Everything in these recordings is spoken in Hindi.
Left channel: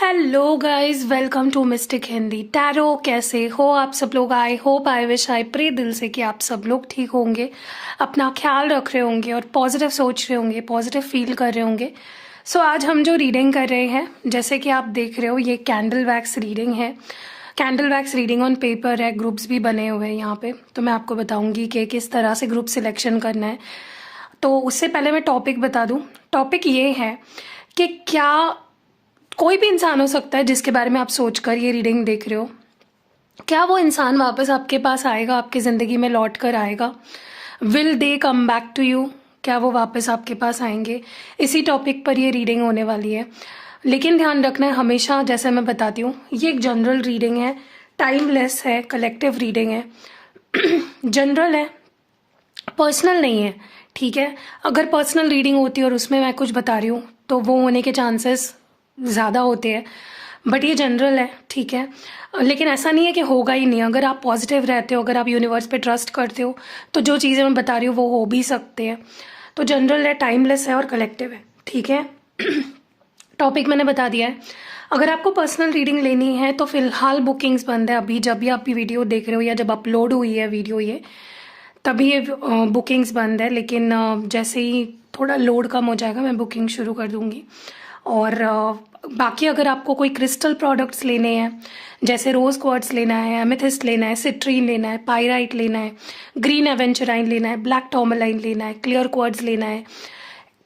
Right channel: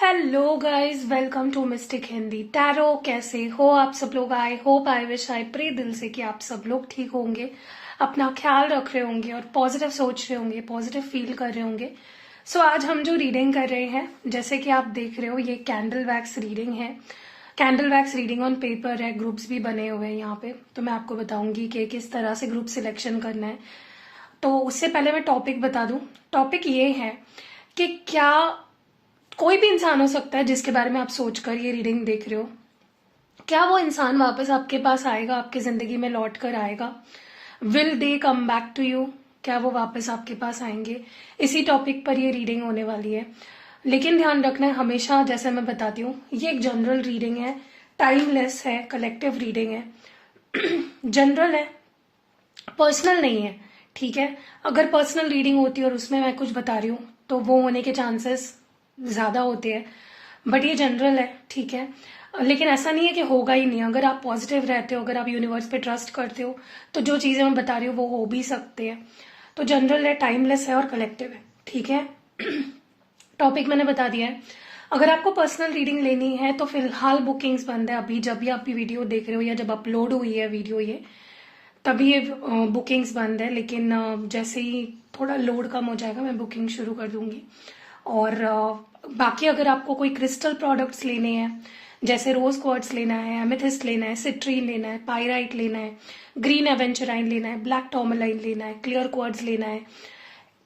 Hello guys, welcome to mystic Hindi tarot. कैसे हो आप सब लोग? I hope, I wish, I pray दिल से कि आप सब लोग ठीक होंगे, अपना ख्याल रख रहे होंगे और पॉजिटिव सोच रहे होंगे, पॉजिटिव फील कर रहे होंगे। सो आज हम जो रीडिंग कर रहे हैं, जैसे कि आप देख रहे हो, ये कैंडल वैक्स रीडिंग है। Candle wax reading on paper है, ग्रुप्स भी बने हुए हैं यहाँ पे। तो मैं आपको बताऊंगी कि किस तरह से ग्रुप सिलेक्शन करना है। तो उससे पहले मैं टॉपिक बता दूं। टॉपिक ये है कि क्या कोई भी इंसान हो सकता है जिसके बारे में आप सोचकर ये रीडिंग देख रहे हो, क्या वो इंसान वापस आपके पास आएगा, आपकी जिंदगी में लौट कर आएगा? Will they come back to you? क्या वो वापस आपके पास आएंगे? इसी टॉपिक पर ये रीडिंग होने वाली है। लेकिन ध्यान रखना है हमेशा, जैसे मैं बताती हूँ, ये एक जनरल रीडिंग है, टाइमलेस है, कलेक्टिव रीडिंग है, जनरल है, पर्सनल नहीं है। ठीक है, अगर पर्सनल रीडिंग होती है और उसमें मैं कुछ बता रही हूँ तो वो होने के चांसेस ज़्यादा होते हैं, बट ये जनरल है। ठीक है, लेकिन ऐसा नहीं है कि होगा ही नहीं। अगर आप पॉजिटिव रहते हो, अगर आप यूनिवर्स पे ट्रस्ट करते हो, तो जो चीज़ें मैं बता रही हूँ वो हो भी सकते हैं। तो जनरल है, टाइमलेस है और कलेक्टिव है। ठीक है, टॉपिक मैंने बता दिया है। अगर आपको पर्सनल रीडिंग लेनी है तो फिलहाल बुकिंग्स बंद है अभी, जब भी आप वीडियो देख रहे हो या जब अपलोड हुई है वीडियो ये, तभी ये बुकिंग्स बंद है। लेकिन जैसे ही थोड़ा लोड कम हो जाएगा मैं बुकिंग शुरू कर दूंगी। और बाकी अगर आपको कोई क्रिस्टल प्रोडक्ट्स लेने हैं, जैसे रोज क्वार्ट्स लेना है, एमेथिस्ट लेना है, सिट्रीन लेना है, पायराइट लेना है, ग्रीन एवेंचुराइन लेना है, ब्लैक टॉर्मलाइन लेना है, क्लियर क्वार्ट्स लेना है,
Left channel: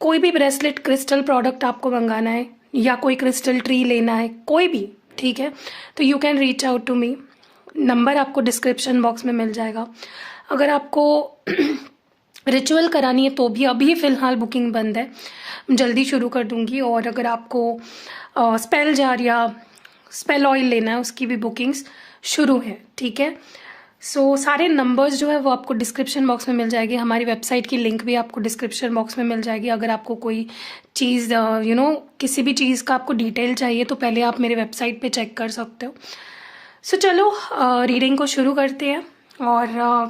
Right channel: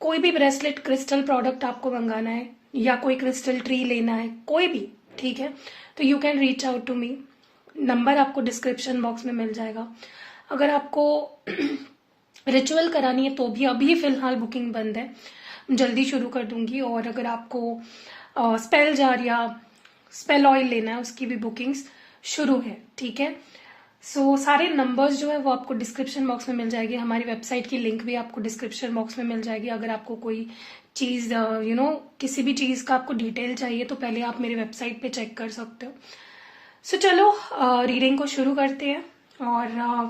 कोई भी ब्रेसलेट क्रिस्टल प्रोडक्ट आपको मंगाना है, या कोई क्रिस्टल ट्री लेना है, कोई भी, ठीक है, तो you can reach out to me. Number आपको डिस्क्रिप्शन बॉक्स में मिल जाएगा। अगर आपको रिचुअल करानी है तो भी अभी फिलहाल बुकिंग बंद है, जल्दी शुरू कर दूंगी। और अगर आपको स्पेल जार या स्पेल ऑयल लेना है, उसकी भी बुकिंग्स शुरू है। ठीक है, सो सारे नंबर्स जो है वो आपको डिस्क्रिप्शन बॉक्स में मिल जाएगी। हमारी वेबसाइट की लिंक भी आपको डिस्क्रिप्शन बॉक्स में मिल जाएगी। अगर आपको कोई चीज़ किसी भी चीज़ का आपको डिटेल चाहिए तो पहले आप मेरे वेबसाइट पे चेक कर सकते हो। सो चलो रीडिंग को शुरू करते हैं। और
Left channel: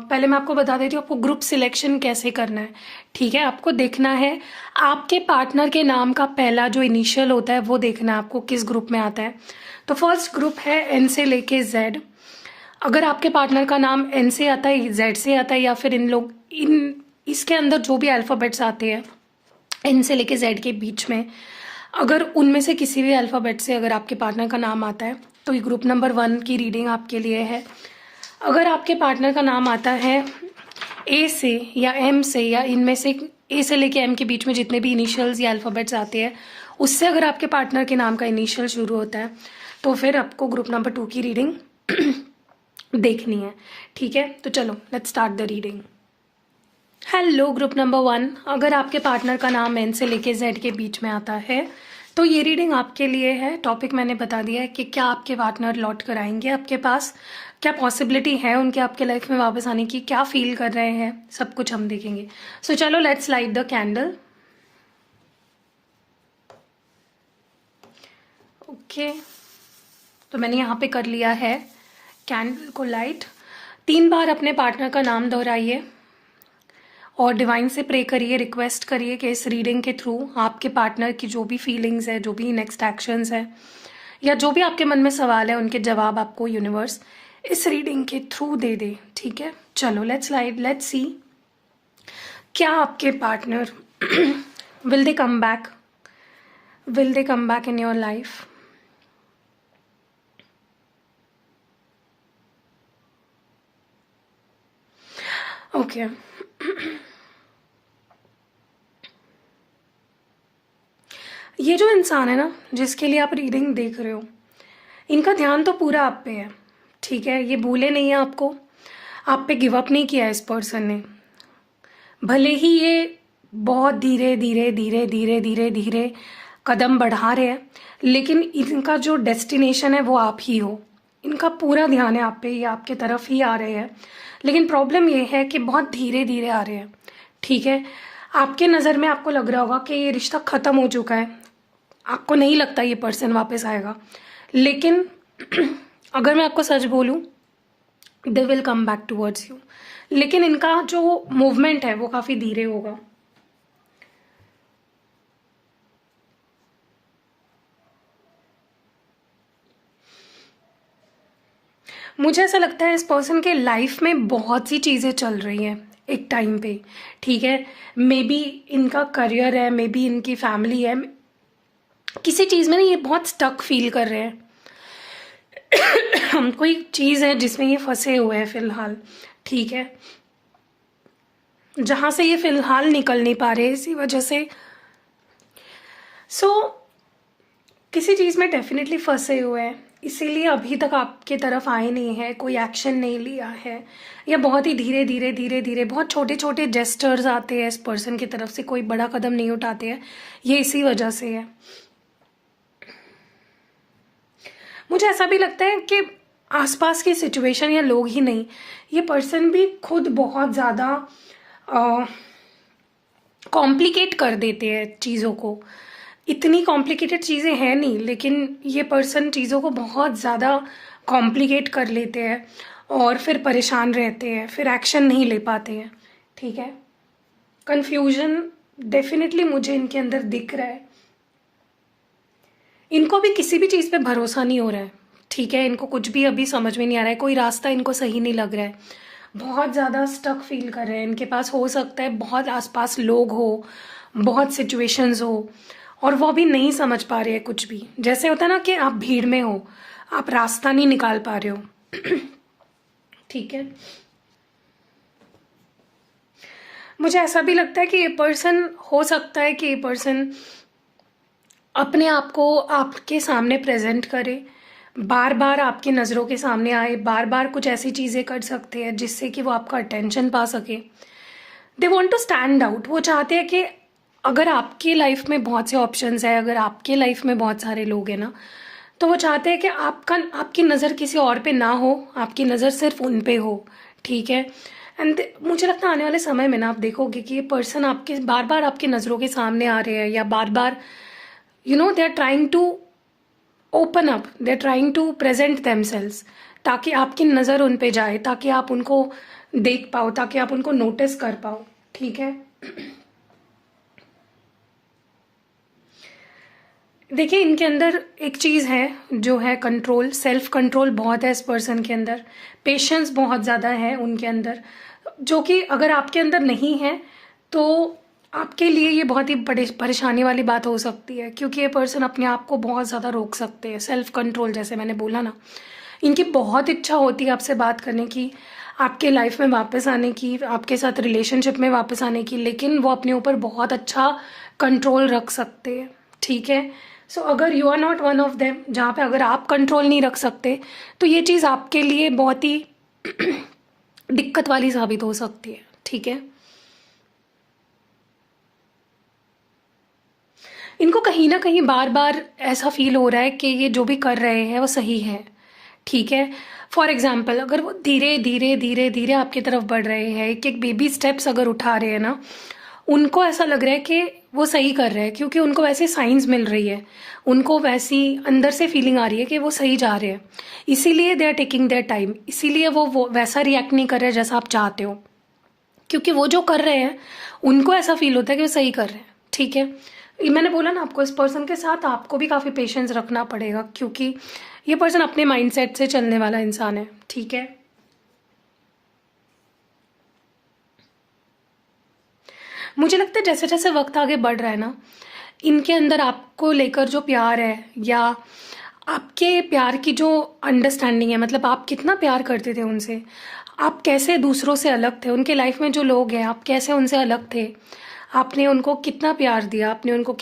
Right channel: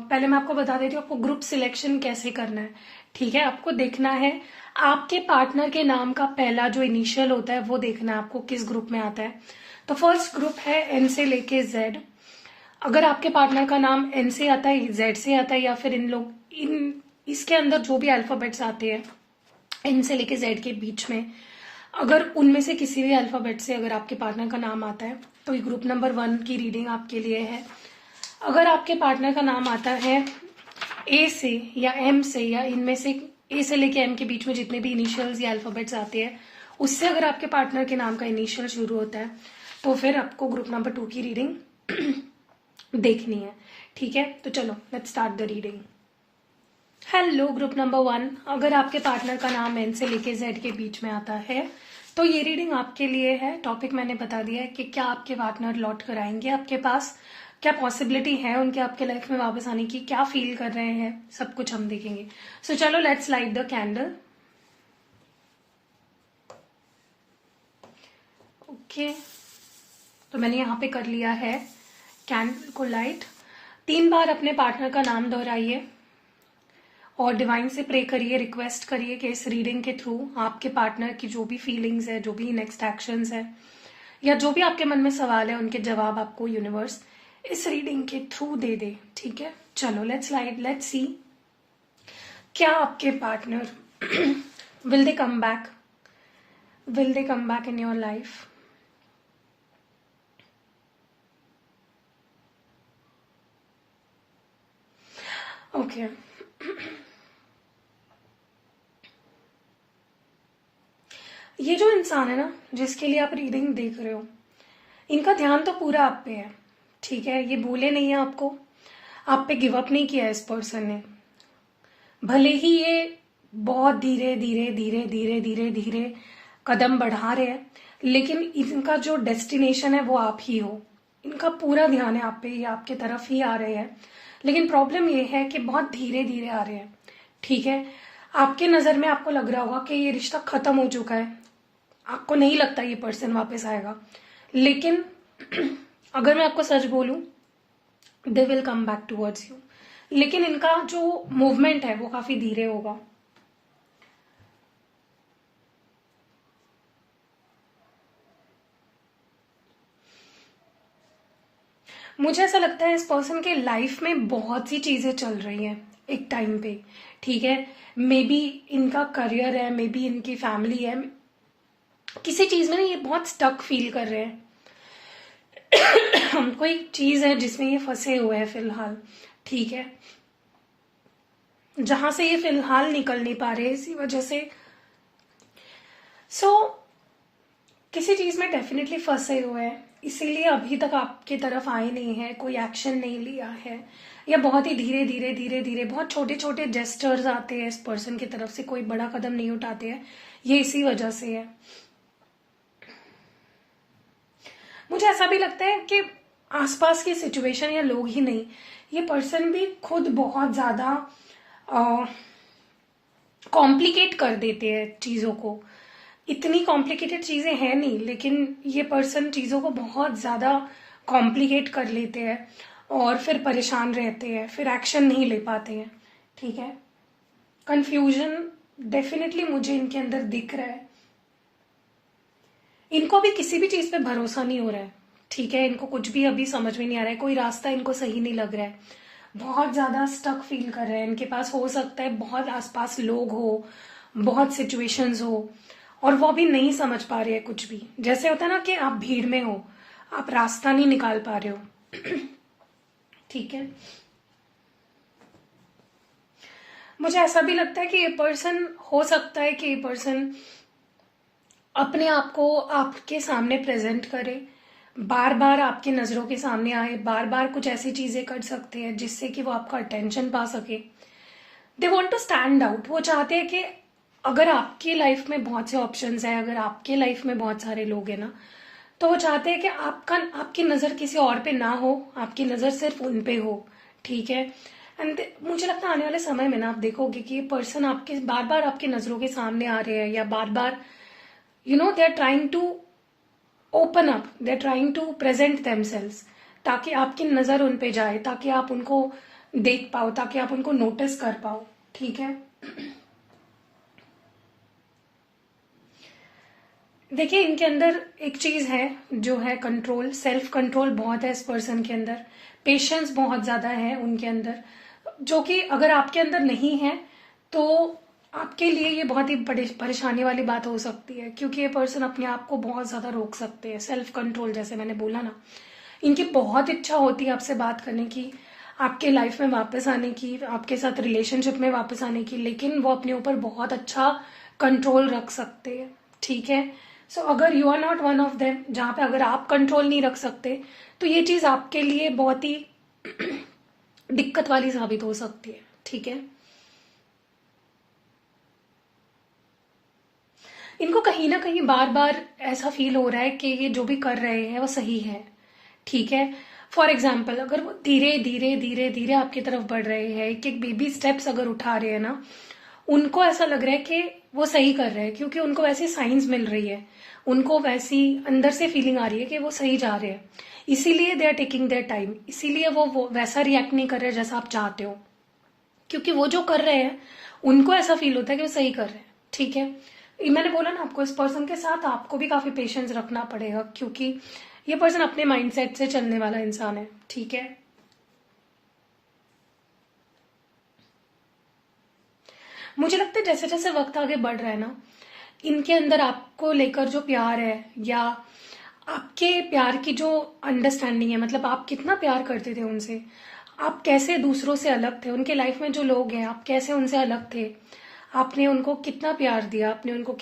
पहले मैं आपको बता देती हूँ आपको ग्रुप सिलेक्शन कैसे करना है। ठीक है, आपको देखना है आपके पार्टनर के नाम का पहला जो इनिशियल होता है वो देखना है आपको किस ग्रुप में आता है। तो फर्स्ट ग्रुप है एन से लेके जेड। अगर आपके पार्टनर का नाम एन से आता है, जेड से आता है, या फिर इन इसके अंदर जो भी अल्फाबेट्स आते हैं एन से लेके जेड के बीच में, अगर उनमें से किसी भी अल्फाबेट से अगर आपके पार्टनर का नाम आता है तो ये ग्रुप नंबर 1 की रीडिंग आपके लिए है। अगर आपके पार्टनर का नाम आता है ए से या एम से, या इनमें से ए से लेके एम के बीच में जितने भी इनिशियल्स या अल्फाबेट्स आते हैं उससे अगर आपके पार्टनर के नाम का इनिशियल शुरू होता है तो फिर आपको ग्रुप नंबर 2 की रीडिंग देखनी है। ठीक है, तो चलो let's start the reading. Hello group number 1, अगर आपके पार्टनर का नाम एन से लेके जेड के बीच में आता है तो ये रीडिंग आपके लिए है। टॉपिक मैंने बता दिया है कि क्या आपके पार्टनर लौट कर आएंगे आपके पास, क्या पॉसिबिलिटी है उनके आपके लाइफ में वापस आने की, क्या फील कर रहे हैं, सब कुछ हम देखेंगे। सो चलो let's light the candle. Okay, तो मैंने यहाँ पे कर लिया है कैंडल को लाइट। 3 बार अपने पार्टनर का नाम दोहराइए और डिवाइन से प्रे करिए, रिक्वेस्ट करिए कि इस रीडिंग के थ्रू आपके पार्टनर की जो भी फीलिंग्स है, जो भी नेक्स्ट एक्शंस है, या जो भी आपके मन में सवाल है, उनके जवाब आपको यूनिवर्स इस रीडिंग के थ्रू दे दे। ठीक है, चलो लेट्स सी क्या आपके partner will they come back in your life. Okay, ये जो इंसान है ना जिसके लिए आप रीडिंग देख रहे हो, इनका ध्यान तो पूरा आप पे है। ठीक है, ये भूले नहीं है आपको, आप पे गिव अप नहीं किया इस पर्सन ने। भले ही ये बहुत धीरे धीरे धीरे धीरे धीरे धीरे कदम बढ़ा रहे हैं, लेकिन इनका जो डेस्टिनेशन है वो आप ही हो। इनका पूरा ध्यान है आप पे, ये आपके तरफ ही आ रहे हैं। लेकिन प्रॉब्लम ये है कि बहुत धीरे धीरे आ रहे हैं। ठीक है, आपके नज़र में आपको लग रहा होगा कि ये रिश्ता खत्म हो चुका है, आपको नहीं लगता ये पर्सन वापस आएगा। लेकिन अगर मैं आपको सच बोलूं, दे will come back towards you, लेकिन इनका जो मूवमेंट है वो काफी धीरे होगा। मुझे ऐसा लगता है इस पर्सन के लाइफ में बहुत सी चीज़ें चल रही हैं एक टाइम पे, ठीक है। मे बी इनका करियर है, मे बी इनकी फैमिली है, किसी चीज़ में ना ये बहुत स्टक फील कर रहे हैं। कोई चीज़ है जिसमें ये फंसे हुए हैं फिलहाल, ठीक है, जहां से ये फिलहाल निकल नहीं पा रहे इसी वजह से। सो किसी चीज़ में डेफिनेटली फंसे हुए हैं, इसीलिए अभी तक आपके तरफ आए नहीं है, कोई एक्शन नहीं लिया है, या बहुत ही धीरे धीरे धीरे धीरे बहुत छोटे छोटे जेस्टर्स आते हैं इस पर्सन की तरफ से, कोई बड़ा कदम नहीं उठाते हैं, ये इसी वजह से है। मुझे ऐसा भी लगता है कि आसपास की सिचुएशन या लोग ही नहीं, ये पर्सन भी खुद बहुत ज़्यादा कॉम्प्लिकेट कर देते हैं चीज़ों को। इतनी कॉम्प्लिकेटेड चीज़ें हैं नहीं, लेकिन ये पर्सन चीज़ों को बहुत ज़्यादा कॉम्प्लिकेट कर लेते हैं और फिर परेशान रहते हैं, फिर एक्शन नहीं ले पाते हैं, ठीक है। कंफ्यूजन डेफिनेटली मुझे इनके अंदर दिख रहा है। इनको भी किसी भी चीज़ पे भरोसा नहीं हो रहा है, ठीक है। इनको कुछ भी अभी समझ में नहीं आ रहा है, कोई रास्ता इनको सही नहीं लग रहा है, बहुत ज़्यादा स्टक फील कर रहे हैं। इनके पास हो सकता है बहुत आसपास लोग हो, बहुत सिचुएशंस हो, और वो भी नहीं समझ पा रहे हैं कुछ भी। जैसे होता है ना कि आप भीड़ में हो, आप रास्ता नहीं निकाल पा रहे हो, ठीक है। मुझे ऐसा भी लगता है कि ये पर्सन, हो सकता है कि ये पर्सन अपने आप को आपके सामने प्रेजेंट करे, बार बार आपकी नज़रों के सामने आए, बार बार कुछ ऐसी चीज़ें कर सकते हैं जिससे कि वो आपका अटेंशन पा सके। They want to stand out. वो चाहते हैं कि अगर आपकी लाइफ में बहुत से ऑप्शंस है, अगर आपके लाइफ में बहुत सारे लोग हैं ना, तो वो चाहते हैं कि आपकी नज़र किसी और पे ना हो, आपकी नज़र सिर्फ उन पे हो, ठीक है। एंड मुझे लगता है आने वाले समय में ना आप देखोगे कि ये पर्सन आपके बार बार आपकी नज़रों के सामने आ रहे हैं, या बार बार they are trying to open up, they are trying to present themselves, ताकि आपकी नज़र उन पे जाए, ताकि आप उनको देख पाओ, ताकि आप उनको नोटिस कर पाओ, ठीक है। देखिए, इनके अंदर एक चीज़ है जो है कंट्रोल, सेल्फ कंट्रोल बहुत है इस पर्सन के अंदर, पेशेंस बहुत ज़्यादा है उनके अंदर, जो कि अगर आपके अंदर नहीं है तो आपके लिए ये बहुत ही बड़ी परेशानी वाली बात हो सकती है, क्योंकि ये पर्सन अपने आप को बहुत ज़्यादा रोक सकते हैं। सेल्फ कंट्रोल, जैसे मैंने बोला ना, इनकी बहुत इच्छा होती है आपसे बात करने की, आपके लाइफ में वापस आने की, आपके साथ रिलेशनशिप में वापस आने की, लेकिन वो अपने ऊपर बहुत अच्छा कंट्रोल रख सकते हैं, ठीक है। सो अगर you are not one of them, जहाँ पे अगर आप कंट्रोल नहीं रख सकते, तो ये चीज़ आपके लिए बहुत ही दिक्कत वाली साबित हो सकती है, ठीक है। इनको कहीं ना कहीं बार बार ऐसा फील हो रहा है कि ये जो भी कर रहे हैं वो सही है, ठीक है। फॉर एग्जाम्पल, अगर वो धीरे धीरे धीरे धीरे आपकी तरफ बढ़ रहे हैं, एक एक बेबी स्टेप्स अगर उठा रहे हैं ना, उनको ऐसा लग रहा है कि वो सही कर रहे हैं, क्योंकि उनको वैसी साइंस मिल रही है, उनको वैसी अंदर से फीलिंग आ रही है कि वो सही जा रहे हैं, इसीलिए they are taking their time, इसीलिए वो वैसा रिएक्ट नहीं कर रहे जैसा आप चाहते हो, क्योंकि वो जो कर रहे हैं उनको ऐसा फील होता है कि वो सही कर रहे हैं, ठीक है। ये मैंने बोला ना आपको, इस पर्सन के साथ आपको भी काफ़ी पेशेंस रखना पड़ेगा, क्योंकि ये पर्सन अपने माइंडसेट से चलने वाला इंसान है, ठीक है। मुझे लगता है जैसे जैसे वक्त आगे बढ़ रहा है ना, इनके अंदर आपको लेकर जो प्यार है, या आपके प्यार की जो अंडरस्टैंडिंग है, मतलब आप कितना प्यार करते थे उनसे, आप कैसे दूसरों से अलग थे, उनके लाइफ में जो लोग हैं आप कैसे उनसे अलग थे, आपने उनको कितना प्यार दिया, आपने उनको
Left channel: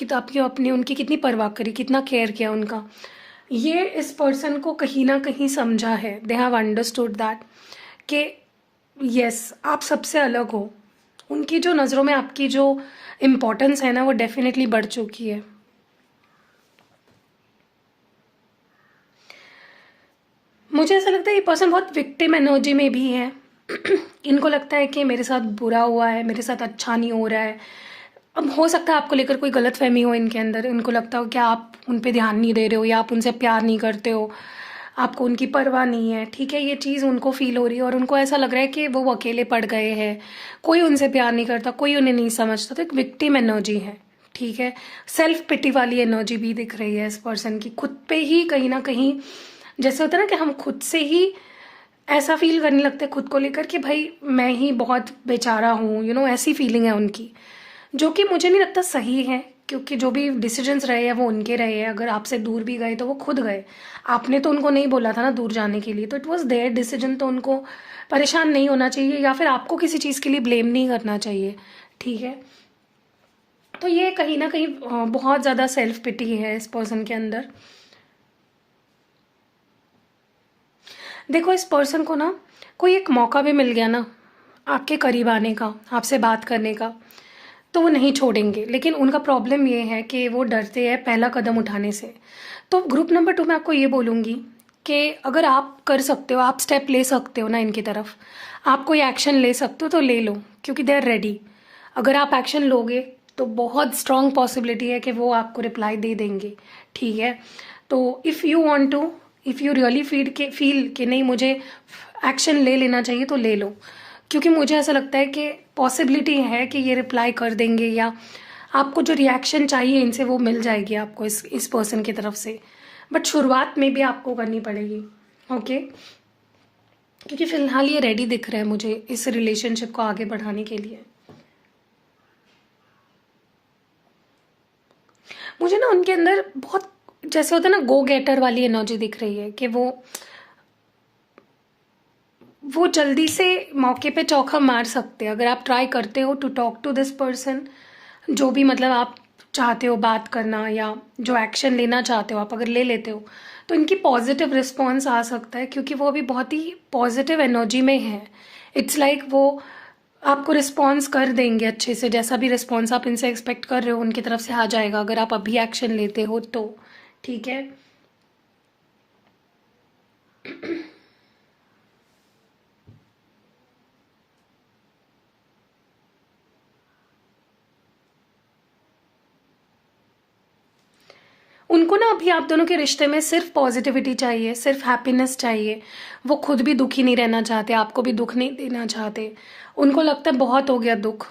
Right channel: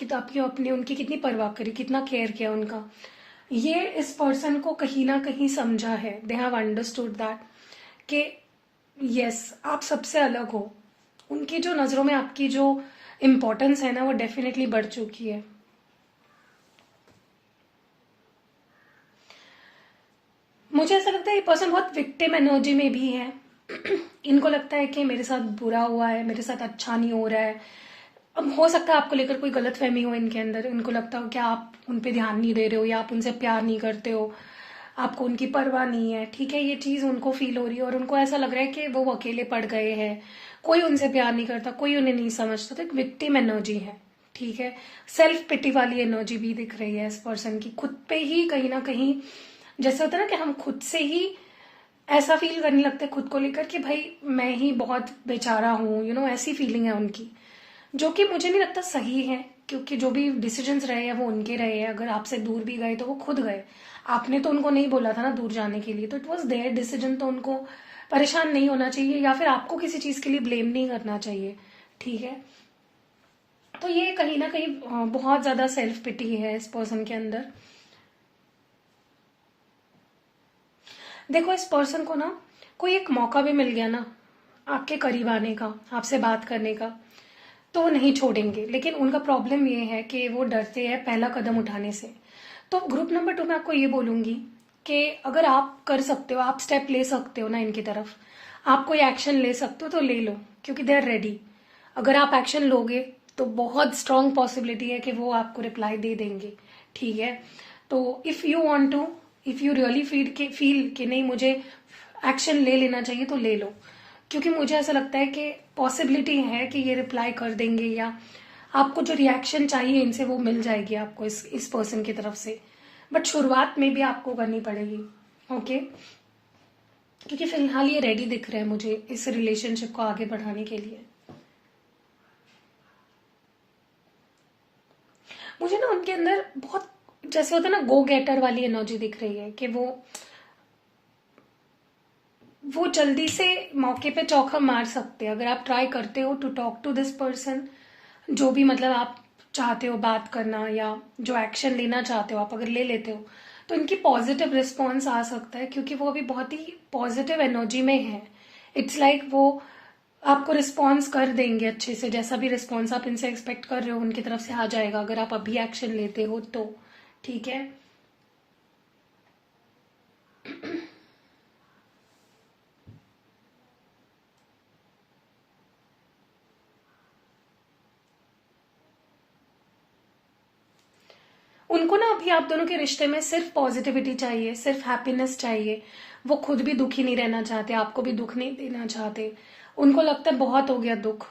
आपने उनकी कितनी परवाह करी, कितना केयर किया उनका, ये इस पर्सन को कहीं ना कहीं समझा है। दे हैव अंडरस्टूड दैट कि यस, आप सबसे अलग हो। उनकी जो नज़रों में आपकी जो इम्पोर्टेंस है ना, वो डेफिनेटली बढ़ चुकी है। मुझे ऐसा लगता है ये पर्सन बहुत विक्टिम एनर्जी में भी है। इनको लगता है कि मेरे साथ बुरा हुआ है, मेरे साथ अच्छा नहीं हो रहा है। अब हो सकता है आपको लेकर कोई गलत फहमी हो इनके अंदर, इनको लगता हो कि आप उन पे ध्यान नहीं दे रहे हो, या आप उनसे प्यार नहीं करते हो, आपको उनकी परवाह नहीं है, ठीक है। ये चीज़ उनको फील हो रही है और उनको ऐसा लग रहा है कि वो अकेले पड़ गए हैं, कोई उनसे प्यार नहीं करता, कोई उन्हें नहीं समझता। तो एक विक्टिम एनर्जी है, ठीक है। सेल्फ पिटी वाली एनर्जी भी दिख रही है इस पर्सन की, खुद पे ही कहीं ना कहीं, जैसे होता है ना कि हम खुद से ही ऐसा फील करने लगते हैं खुद को लेकर कि भाई मैं ही बहुत बेचारा हूँ, ऐसी फीलिंग है उनकी, जो कि मुझे नहीं लगता सही है। क्योंकि जो भी डिसीजंस रहे हैं वो उनके रहे हैं। अगर आपसे दूर भी गए तो वो खुद गए, आपने तो उनको नहीं बोला था ना दूर जाने के लिए, तो इट वॉज देयर डिसीजन। तो उनको परेशान नहीं होना चाहिए, या फिर आपको किसी चीज़ के लिए ब्लेम नहीं करना चाहिए, ठीक है। तो ये कहीं ना कहीं बहुत ज़्यादा सेल्फ पिटी है इस पर्सन के अंदर। देखो, इस पर्सन को ना कोई एक मौका भी मिल गया ना आपके करीब आने का, आपसे बात करने का, तो वो नहीं छोड़ेंगे। लेकिन उनका प्रॉब्लम ये है कि वो डरते हैं पहला कदम उठाने से। तो ग्रुप नंबर 2 में आपको ये बोलूँगी कि अगर आप कर सकते हो, आप स्टेप ले सकते हो ना इनकी तरफ, आप कोई एक्शन ले सकते हो तो ले लो, क्योंकि दे आर रेडी। अगर आप एक्शन लोगे तो बहुत स्ट्रॉन्ग पॉसिबिलिटी है कि वो आपको रिप्लाई दे देंगे, ठीक है। तो if you want to, if you really feel कि नहीं मुझे एक्शन ले लेना चाहिए तो ले लो, क्योंकि मुझे ऐसा लगता है कि पॉसिबिलिटी है कि ये रिप्लाई कर देंगे, या आपको जो रिएक्शन चाहिए इनसे वो मिल जाएगी आपको इस पर्सन की तरफ से। बट शुरुआत में भी आपको करनी पड़ेगी, ओके। क्योंकि फिलहाल ये रेडी दिख रहे हैं मुझे इस रिलेशनशिप को आगे बढ़ाने के लिए। मुझे ना उनके अंदर बहुत, जैसे होता है ना, गो गेटर वाली एनर्जी दिख रही है कि वो जल्दी से मौके पे चौका मार सकते हैं। अगर आप ट्राई करते हो to talk to this person, जो भी मतलब आप चाहते हो बात करना, या जो एक्शन लेना चाहते हो आप अगर ले लेते हो, तो इनकी पॉजिटिव रिस्पॉन्स आ सकता है, क्योंकि वो अभी बहुत ही पॉजिटिव एनर्जी में है। इट्स लाइक वो आपको रिस्पॉन्स कर देंगे अच्छे से, जैसा भी रिस्पॉन्स आप इनसे एक्सपेक्ट कर रहे हो उनकी तरफ से आ जाएगा, अगर आप अभी एक्शन लेते हो तो, ठीक है। उनको ना अभी आप दोनों के रिश्ते में सिर्फ पॉजिटिविटी चाहिए, सिर्फ हैप्पीनेस चाहिए। वो खुद भी दुखी नहीं रहना चाहते, आपको भी दुख नहीं देना चाहते। उनको लगता है बहुत हो गया दुख,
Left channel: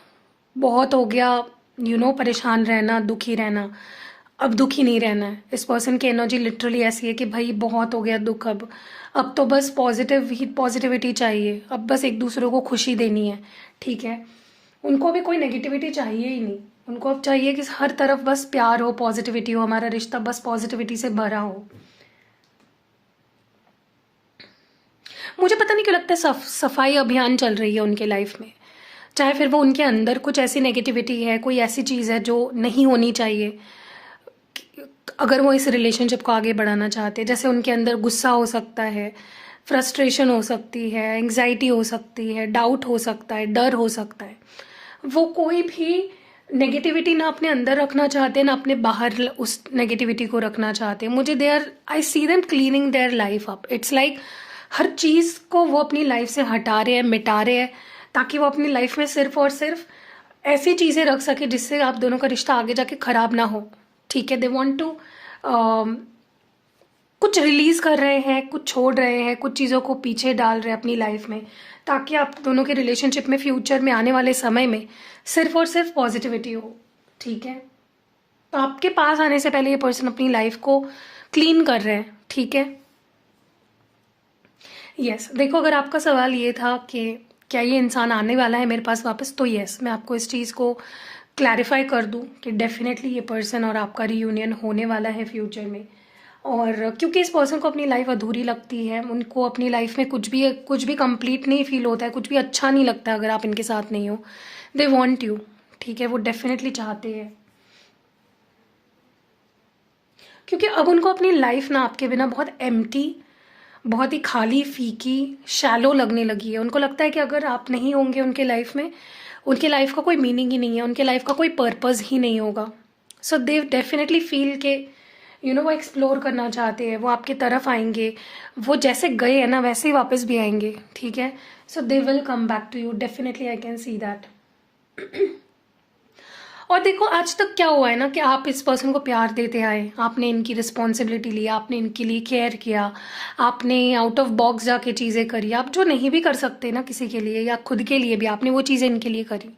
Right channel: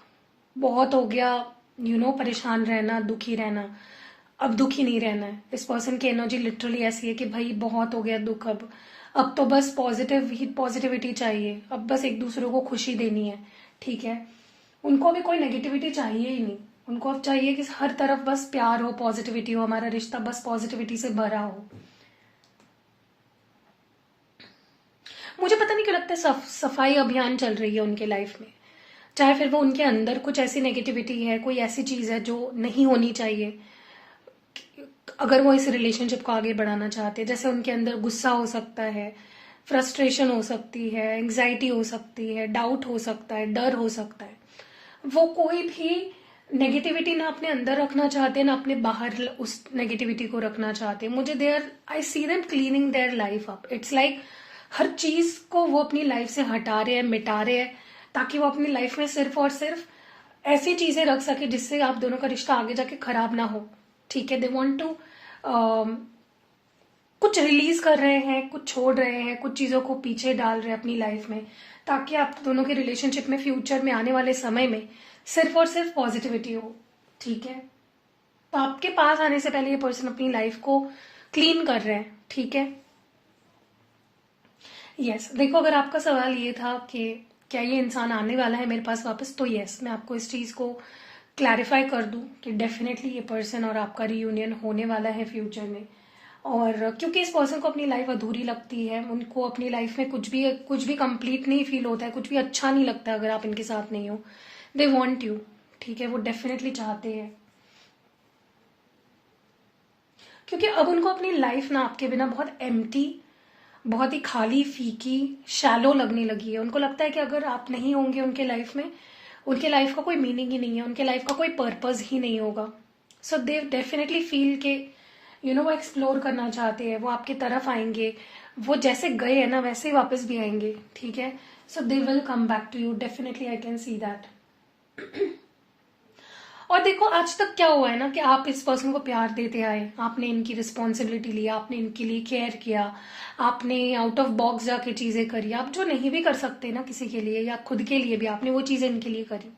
बहुत हो गया, परेशान रहना, दुखी रहना। अब दुखी नहीं रहना है। इस पर्सन की एनर्जी लिटरली ऐसी है कि भाई बहुत हो गया दुख, अब तो बस पॉजिटिविटी चाहिए, अब बस एक दूसरे को खुशी देनी है, ठीक है। उनको अभी कोई नेगेटिविटी चाहिए ही नहीं। उनको अब चाहिए कि हर तरफ बस प्यार हो, पॉजिटिविटी हो, हमारा रिश्ता बस पॉजिटिविटी से भरा हो। मुझे पता नहीं क्यों लगता है सफाई अभियान चल रही है उनके लाइफ में। चाहे फिर वो उनके अंदर कुछ ऐसी नेगेटिविटी है, कोई ऐसी चीज़ है जो नहीं होनी चाहिए, अगर वो इस रिलेशनशिप को आगे बढ़ाना चाहते हैं। जैसे उनके अंदर गुस्सा हो सकता है, फ्रस्ट्रेशन हो सकती है, एंग्जाइटी हो सकती है, डाउट हो सकता है, डर हो सकता है। वो कोई भी नेगेटिविटी ना अपने अंदर रखना चाहते, ना अपने बाहर उस नेगेटिविटी को रखना चाहते। मुझे they are, I see them cleaning their life up. It's like हर चीज़ को वो अपनी लाइफ से हटा रहे हैं, मिटा रहे हैं, ताकि वो अपनी लाइफ में सिर्फ और सिर्फ ऐसी चीज़ें रख सके जिससे आप दोनों का रिश्ता आगे जाके खराब ना हो, ठीक है। दे वॉन्ट टू कुछ रिलीज कर रहे हैं, कुछ छोड़ रहे हैं, कुछ चीज़ों को पीछे डाल रहे हैं अपनी लाइफ में, ताकि आप दोनों के रिलेशनशिप में फ्यूचर में आने वाले समय में सिर्फ और सिर्फ पॉजिटिविटी हो, ठीक है। तो आपके पास आने से पहले ये पर्सन अपनी लाइफ को क्लीन कर रहे हैं, ठीक है। यस, देखो, अगर आपका सवाल ये था कि क्या ये इंसान आने वाला है मेरे पास वापस, तो यस, मैं आपको इस चीज़ को क्लैरिफाई कर दूं कि डेफिनेटली ये पर्सन और आपका रियूनियन होने वाला है फ्यूचर में। और क्योंकि इस पर्सन को अपनी लाइफ अधूरी लगती है, उनको अपनी लाइफ में कुछ भी कंप्लीट नहीं फील होता है, कुछ भी अच्छा नहीं लगता अगर आप इनके साथ नहीं हो। दे वॉन्ट यू, ठीक है, वो डेफिनेटली चाहते हैं। क्योंकि अब उनको अपनी लाइफ ना आपके बिना बहुत एम्प्टी, बहुत ही खाली, फीकी, शैलो लगने लगी है। उनको लगता है कि अगर आप नहीं होंगे उनके लाइफ में, उनके लाइफ का कोई मीनिंग ही नहीं है, उनके लाइफ का कोई पर्पस ही नहीं होगा। सो दे डेफिनेटली फील के वो एक्सप्लोर करना चाहते हैं, वो आपकी तरफ आएंगे, वो जैसे गए हैं ना वैसे ही वापस भी आएंगे, ठीक है। So they will come back to you, definitely I can see that. और देखो, आज तक क्या हुआ है ना कि आप इस पर्सन को प्यार देते आए, आपने इनकी रिस्पॉन्सिबिलिटी ली, आपने इनके लिए केयर किया, आपने आउट ऑफ बॉक्स जाके चीज़ें करी, आप जो नहीं भी कर सकते ना किसी के लिए या खुद के लिए भी, आपने वो चीज़ें इनके लिए करी।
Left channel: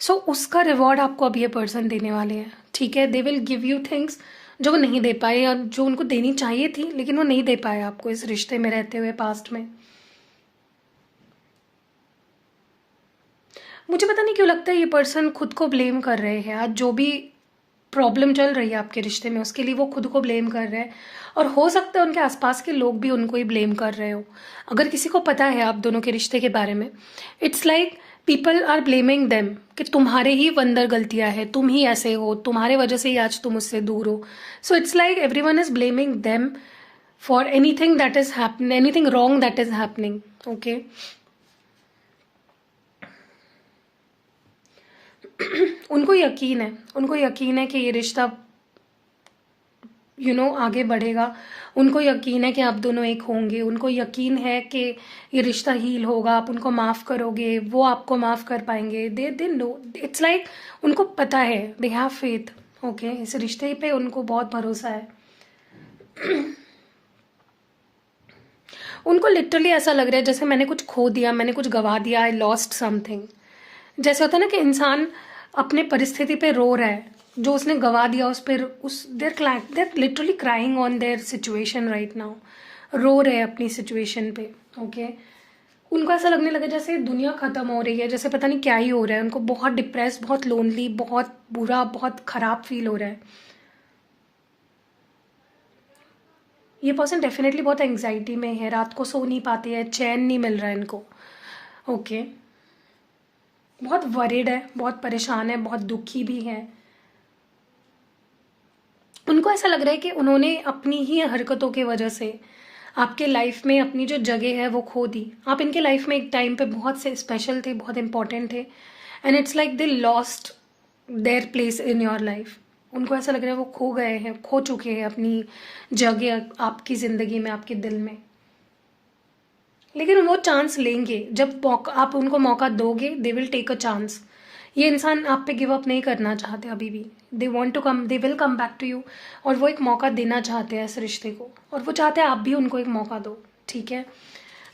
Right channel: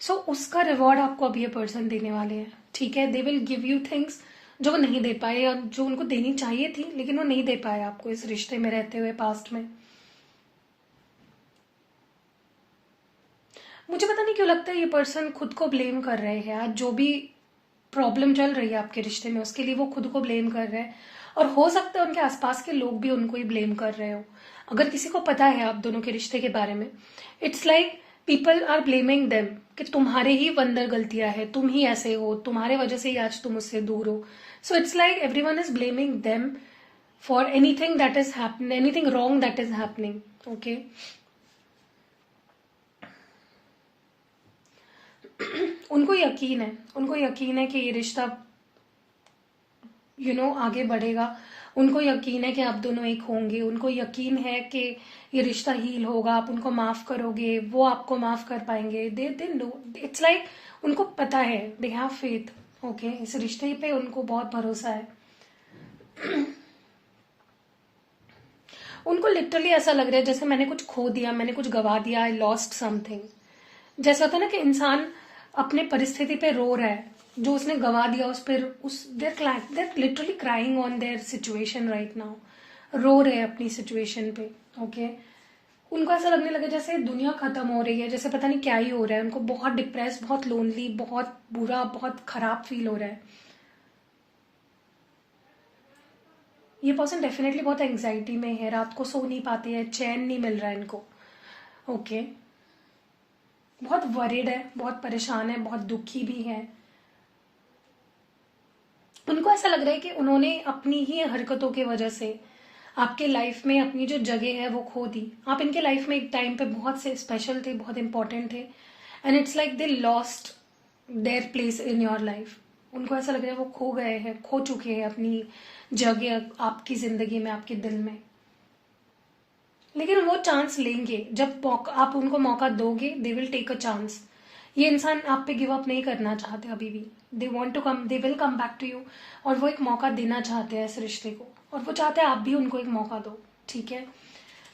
सो उसका रिवॉर्ड आपको अब ये पर्सन देने वाले हैं, ठीक है। They will give you things जो वो नहीं दे पाए, या जो उनको देनी चाहिए थी लेकिन वो नहीं दे पाए आपको इस रिश्ते में रहते हुए पास्ट में। मुझे पता नहीं क्यों लगता है ये पर्सन खुद को ब्लेम कर रहे हैं आज जो भी प्रॉब्लम चल रही है आपके रिश्ते में, उसके लिए वो खुद को ब्लेम कर रहे हैं। और हो सकता है उनके आसपास के लोग भी उनको ही ब्लेम कर रहे हो। अगर किसी को पता है आप दोनों के रिश्ते के बारे में, it's like people are blaming them कि तुम्हारे ही अंदर गलतियां हैं, तुम ही ऐसे हो, तुम्हारे वजह से ही आज तुम उससे दूर हो। So it's like everyone is blaming them for anything that is happening, anything wrong that is happening. Okay, उनको यकीन है कि ये रिश्ता आगे बढ़ेगा। उनको यकीन है कि आप दोनों एक होंगे। उनको यकीन है कि ये रिश्ता हील होगा, आप उनको माफ करोगे, वो आपको माफ कर पाएंगे। दे नो, इट्स लाइक उनको पता है, दे हैव फेथ। ओके, इस रिश्ते पे उनको बहुत भरोसा है। उनको लिटरली ऐसा लग रहा है जैसे मैंने कुछ खो दिया, मैंने कुछ गवा दिया, आई लॉस्ट समथिंग। जैसे होता है ना कि इंसान अपने परिस्थिति पे रो रहा है, जो उसने गवा दिया उस पर, they're literally crying on their situation right now, रो रहे हैं अपनी सिचुएशन पे। ओके, उनको ऐसा लगने लगा जैसे दुनिया खत्म हो रही है, जैसे पता नहीं क्या ही हो रहा है। उनको बहुत डिप्रेस, बहुत लोनली, बहुत बुरा, बहुत खराब फील हो रहा है। ये पर्सन डेफिनेटली बहुत एंग्जाइटी में है, रात को सो नहीं पाते हैं, चैन नहीं मिल रहा है इनको। ओके, बहुत वरीड है, बहुत परेशान है, बहुत दुखी भी है। उनको ऐसा लग रहा है कि उन्होंने अपनी ही हरकतों की वजह से आपके लाइफ में अपनी जो जगह है वो खो दी। आप इनके लाइफ में एक टाइम पे बहुत से स्पेशल थे, बहुत इंपॉर्टेंट थे, and it's like they lost their place in your life. उनको ऐसा लग रहा है वो खो गए हैं, खो चुके हैं अपनी जगह आपकी जिंदगी में, आपके दिल में। लेकिन वो चांस लेंगे, जब आप उनको मौका दोगे, they will take a chance. ये इंसान आप पे गिव अप नहीं करना चाहते अभी भी। They want to come, they will come back to you. और वो एक मौका देना चाहते हैं इस रिश्ते को, और वो चाहते हैं आप भी उनको एक मौका दो। ठीक है,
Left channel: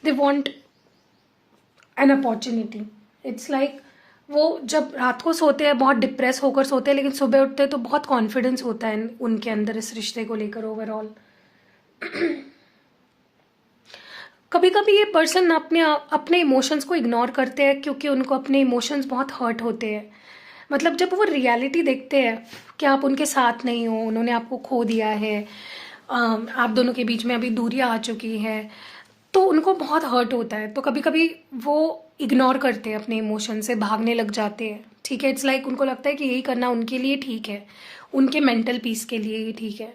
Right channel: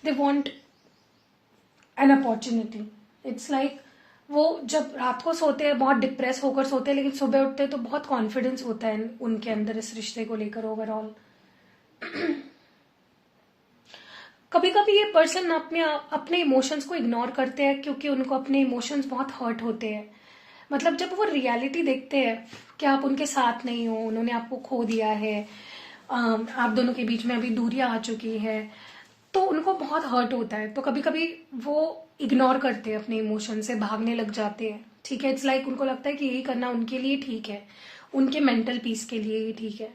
they want an opportunity. It's like वो जब रात को सोते हैं बहुत डिप्रेस होकर सोते हैं, लेकिन सुबह उठते हैं तो बहुत कॉन्फिडेंस होता है उनके अंदर इस रिश्ते को लेकर ओवरऑल। कभी कभी ये पर्सन अपने इमोशंस को इग्नोर करते हैं क्योंकि उनको अपने इमोशंस बहुत हर्ट होते हैं। मतलब जब वो रियलिटी देखते हैं कि आप उनके साथ नहीं हो, उन्होंने आपको खो दिया है, आप दोनों के बीच में अभी दूरियां आ चुकी है, तो उनको बहुत हर्ट होता है। तो कभी कभी वो इग्नोर करते हैं अपने इमोशन से, भागने लग जाते हैं। ठीक है, इट्स लाइक उनको लगता है कि यही करना उनके लिए ठीक है, उनके मेंटल पीस के लिए ही ठीक है।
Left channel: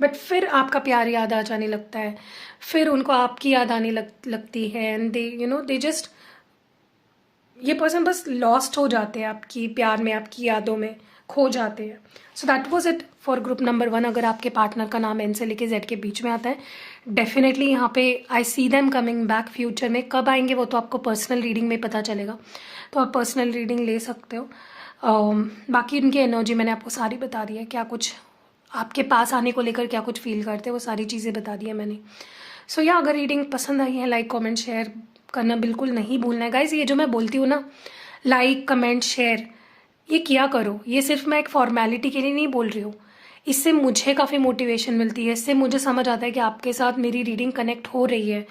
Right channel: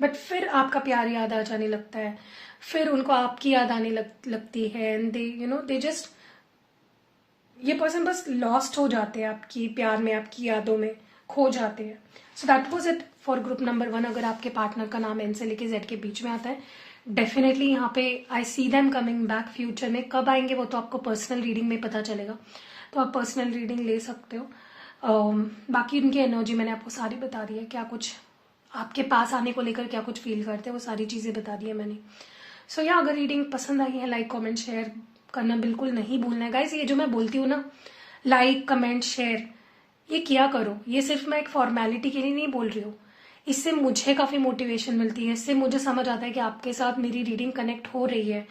बट फिर आपका प्यार याद आ जाने लगता है, फिर उनको आपकी याद आने लगती है, एंड दे जस्ट, ये पर्सन बस लॉस्ट हो जाते हैं आपकी प्यार में, आपकी यादों में खो जाते हैं। So that was it for group number 1। अगर आपके पार्टनर का नाम एन से लेके जेड के बीच में आता है, डेफिनेटली यहाँ पे I see them coming back future में। कब आएंगे वो तो आपको पर्सनल रीडिंग में पता चलेगा, तो आप पर्सनल रीडिंग ले सकते हो। बाकी उनकी एनर्जी मैंने आपको सारी बता दी है, क्या कुछ आपके पास आने को लेकर क्या कुछ फील करते हैं, वो सारी चीज़ें बता दी है मैंने। सो या अगर रीडिंग पसंद आई है, लाइक कमेंट शेयर करना बिल्कुल नहीं भूलना है गाइज। ये जो मैं बोलती हूँ ना, लाइक कमेंट शेयर, ये किया करो। ये सिर्फ मैं एक फॉर्मेलिटी के लिए नहीं बोल रही हूँ, इससे मुझे काफ़ी मोटिवेशन मिलती है, इससे मुझे समझ आता है कि आपके साथ मेरी रीडिंग कनेक्ट हो रही है।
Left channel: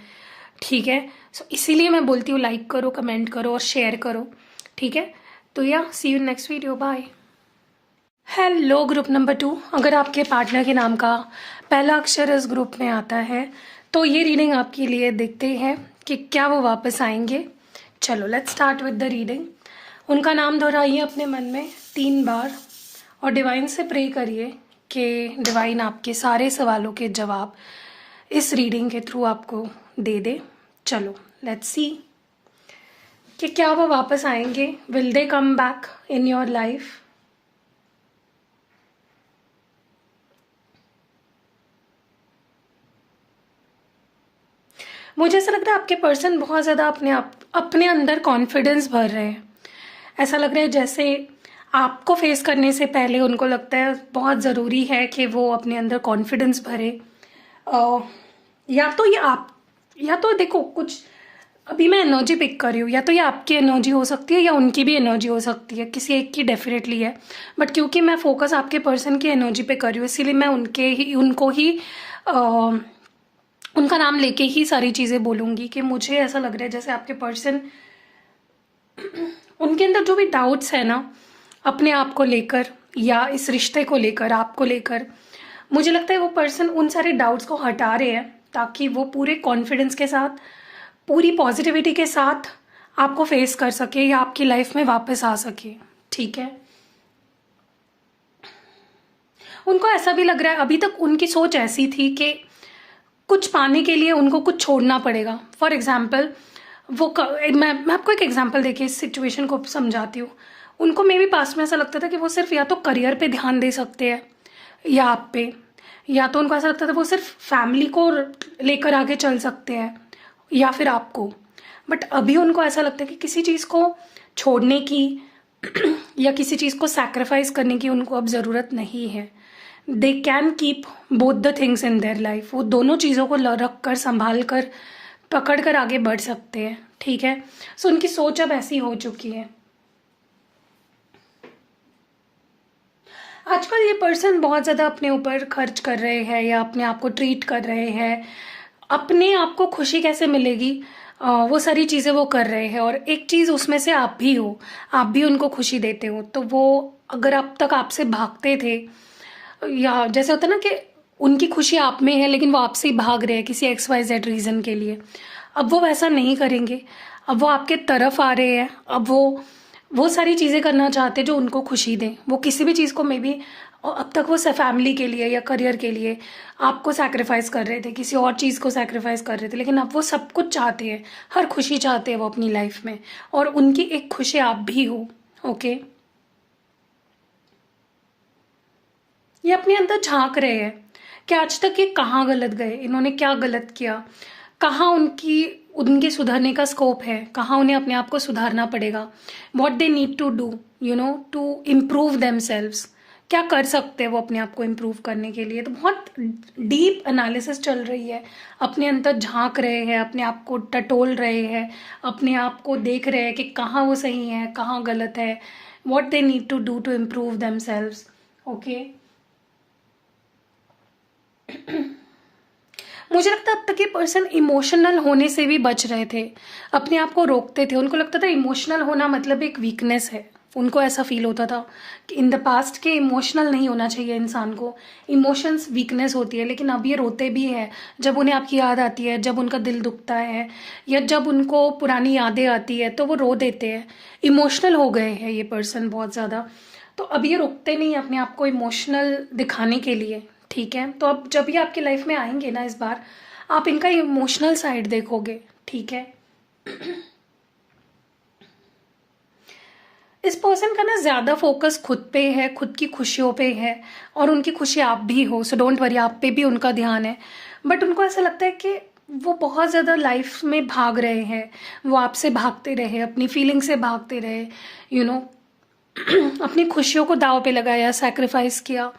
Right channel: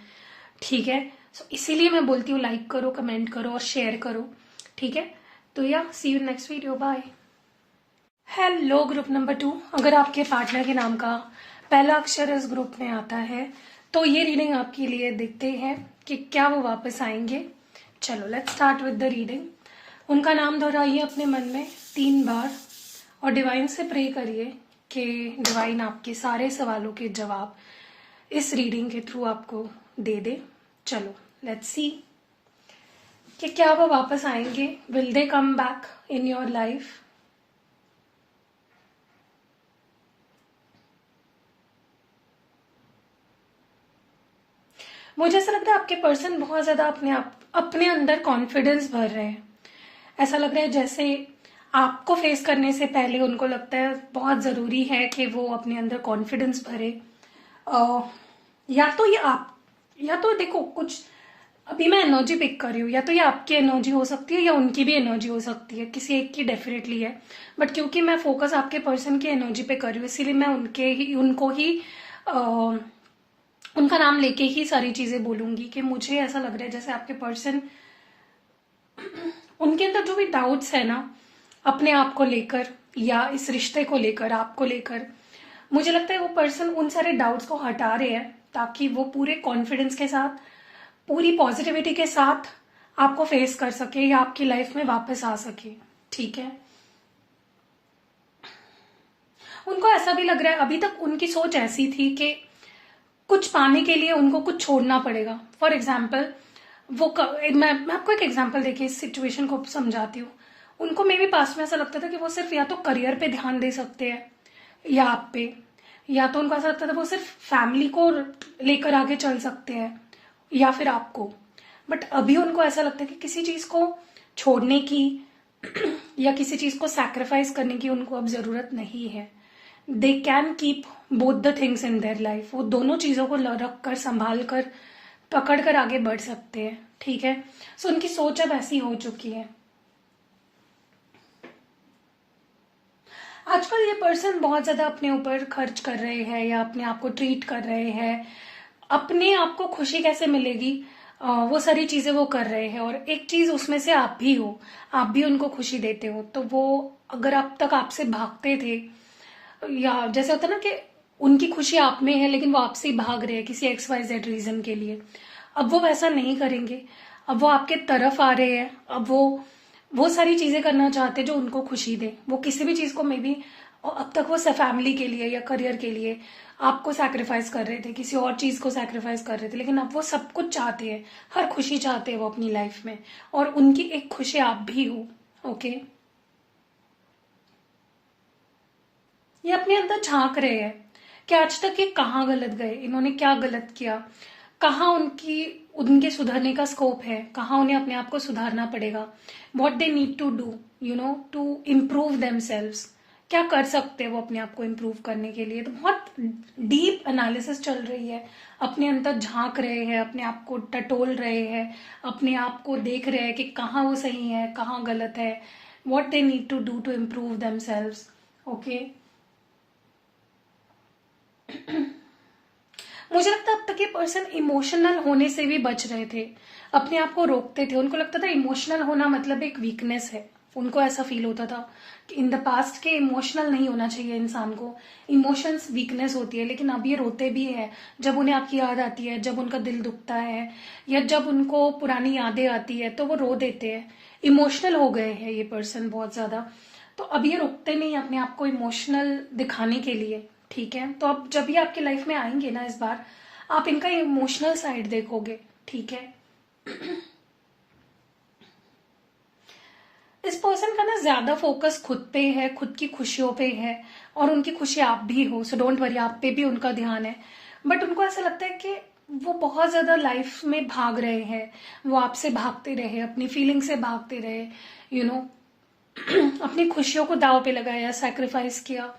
ठीक है, सो इसीलिए मैं बोलती हूँ लाइक करो, कमेंट करो और शेयर करो। ठीक है, तो या see you next video, bye. Hello group number 2। अगर आपके पार्टनर के नाम का पहला अक्षर इस ग्रुप में आता है तो ये रीडिंग आपके लिए। देखते हैं कि क्या वो वापस आएंगे। चलो let's start with the reading. उनका नाम दोहराइए अपने मन में 3 बार और डिवाइन से प्रे करिए कि डिवाइन आपके सारे सवालों के जवाब इस रीडिंग के थ्रू आपको दे दे। चलो लेट्स सी कि क्या वो वापस आएंगे। Will they come back in your life. मुझे ऐसा लगता है आपके पर्सन बहुत ज़्यादा अपने अंदर कॉन्फिडेंस भर रहे हैं। ऐसा लग रहा है जैसे आपको फेस करने से पहले उनको लगता है बहुत ज़रूरी है कि वो अपने अंदर कॉन्फिडेंस भरे। या तो देखो, कुछ अभी मैं एनर्जी पिक कर रही हूँ, या तो ये आपकी एनर्जी हो सकती है या उनकी भी एनर्जी हो सकती है, किसी एक की डेफिनेटली है। बट क्योंकि मैं फोकस आपके पर्सन की एनर्जी पे कर रही हूँ, इसीलिए मैं उनका नाम लेके ही सारी चीज़ें बोलूँगी कि मुझे ऐसा लग रहा है जैसे आपके पर्सन उनके अंदर जो भी डाउट्स है ना अपने आप को लेकर या इस रिश्ते को लेकर, आपको लेकर, मुझे लगता है वो पर्सन उन सारे डाउट्स को हटा रहे हैं ताकि वो पूरे कॉन्फिडेंस के साथ, पूरी पॉजिटिविटी के साथ आपको फेस कर सके या आपकी लाइफ में वापस आ सके। ठीक है, उनको ऐसा भी लग रहा है, अभी तक उनकी सोच ऐसी थी कि कुछ पाने के लिए उनको कुछ छोड़ना पड़ेगा। फॉर एग्जाम्पल मैं आपको एक एग्जाम्पल देके इस सिचुएशन को समझाती हूँ। उनको मे भी पास में ऐसा लगता था कि वो सिर्फ या तो करियर पे ध्यान दे सकते हैं या आप पे, या तो उनको ऐसा लगता था वो सिर्फ फैमिली को लेकर आगे चल सकते हैं या फिर आपको। बट अभी उनको ऐसा लगता है कि किसी चीज को छोड़ने की या किसी चीज को सैक्रिफाइस करने की उनको अब जरूरत नहीं है। They can keep both the things in their life. वो दोनों चीजों को रख कर, संभाल कर, पकड़ कर आगे बढ़ सकते हैं। ठीक है, सो उनकी सोच अब ऐसी हो चुकी है। आजकल ये पर्सन बहुत ज्यादा अपने ऊपर खर्च कर रहे हैं या अपने आप को ट्रीट कर रहे हैं। अपने आप को खुशी कैसे मिलेगी, वो सारी चीजें वो कर रहे हैं। और एक चीज उसमें से आप भी हो, आप भी उनको खुशी देते हो। तो वो अगर अब तक आपसे भागते थे, या जैसे होता है ना कि उनकी खुशी आप में है लेकिन वो आपसे ही भाग रहे हैं किसी XYZ रीजन के लिए, अब वो वैसा नहीं करेंगे। अब वो आपके तरफ आ रहे हैं। अब वो सारी चीजें करना चाहते हैं जो उनको खुशी दें। वो किसी भी चीज को मे बी अब तक वो फैमिली के लिए या करियर के लिए आपको सैक्रिफाइस कर रहे थे, किसी और चीज को सैक्रिफाइस कर रहे थे, लेकिन अब वो सब कुछ चाहते हैं, हर खुशी चाहते हैं वो अपनी लाइफ में। और उनकी एक खुशी आप भी हो। ओके, ये अपने अंदर झांक रहे हैं कि आज तक ये कहाँ गलत गए, इन्होंने क्या गलत किया, कहाँ उनके सुधरने का स्कोप है, कहाँ उन्हें अपने आप को सुधारना पड़ेगा। What they need to do to improve themselves. क्या कर सकते हैं वो अपने आप को इम्प्रूव करने के लिए। तो बहुत डीप एनालिसिस चल रही है, अपने अंदर झांक रहे हैं, अपने आप को टटोल रहे हैं, अपने आप को देख रहे हैं कि कहाँ वो सही है, कहाँ गलत है, what they need to do to improve themselves. Okay, मुझे लगता है अब तक ये पर्सन इमोशनल होने से भी बच रहे थे, अपने आप को रोकते थे। उनको लगता था इमोशनल होना मतलब एक वीकनेस है। उनको ऐसा फील होता था कि इन द पास्ट के इमोशनल नहीं होना चाहिए इंसान को, इमोशंस वीकनेस होती है। लेकिन अब ये रोते भी है जब उन्हें आपकी याद आती है, जब उनका दिल दुखता है या जब उनको पुरानी यादें आती है तो वो रो देते हैं। इमोशनल हो गए हैं ये पर्सन बहुत ज्यादा। तो अब ये रुकते नहीं अपने आप को इमोशनल दिखाने के लिए। ठीक है, तो अब जब ये आपकी लाइफ में आएंगे ना, इस बार आप इनका इमोशनल साइड देखोगे। ठीक है, इस पर्सन का ना ज्यादा फोकस खुद पे है, खुद की खुशियों पे है, और उनकी खुशी आप भी हो। सो डोंट वरी, आप पे भी उनका ध्यान है। बट उनको ऐसा लगता है कि वो बहुत ज्यादा लाइफ में भाग रहे हैं, वो आपसे भागते रहे, अपनी फीलिंग से भागते रहे, यू नो अपनी खुशियों को दाव पे लगाया, सैक्रिफाइस किया।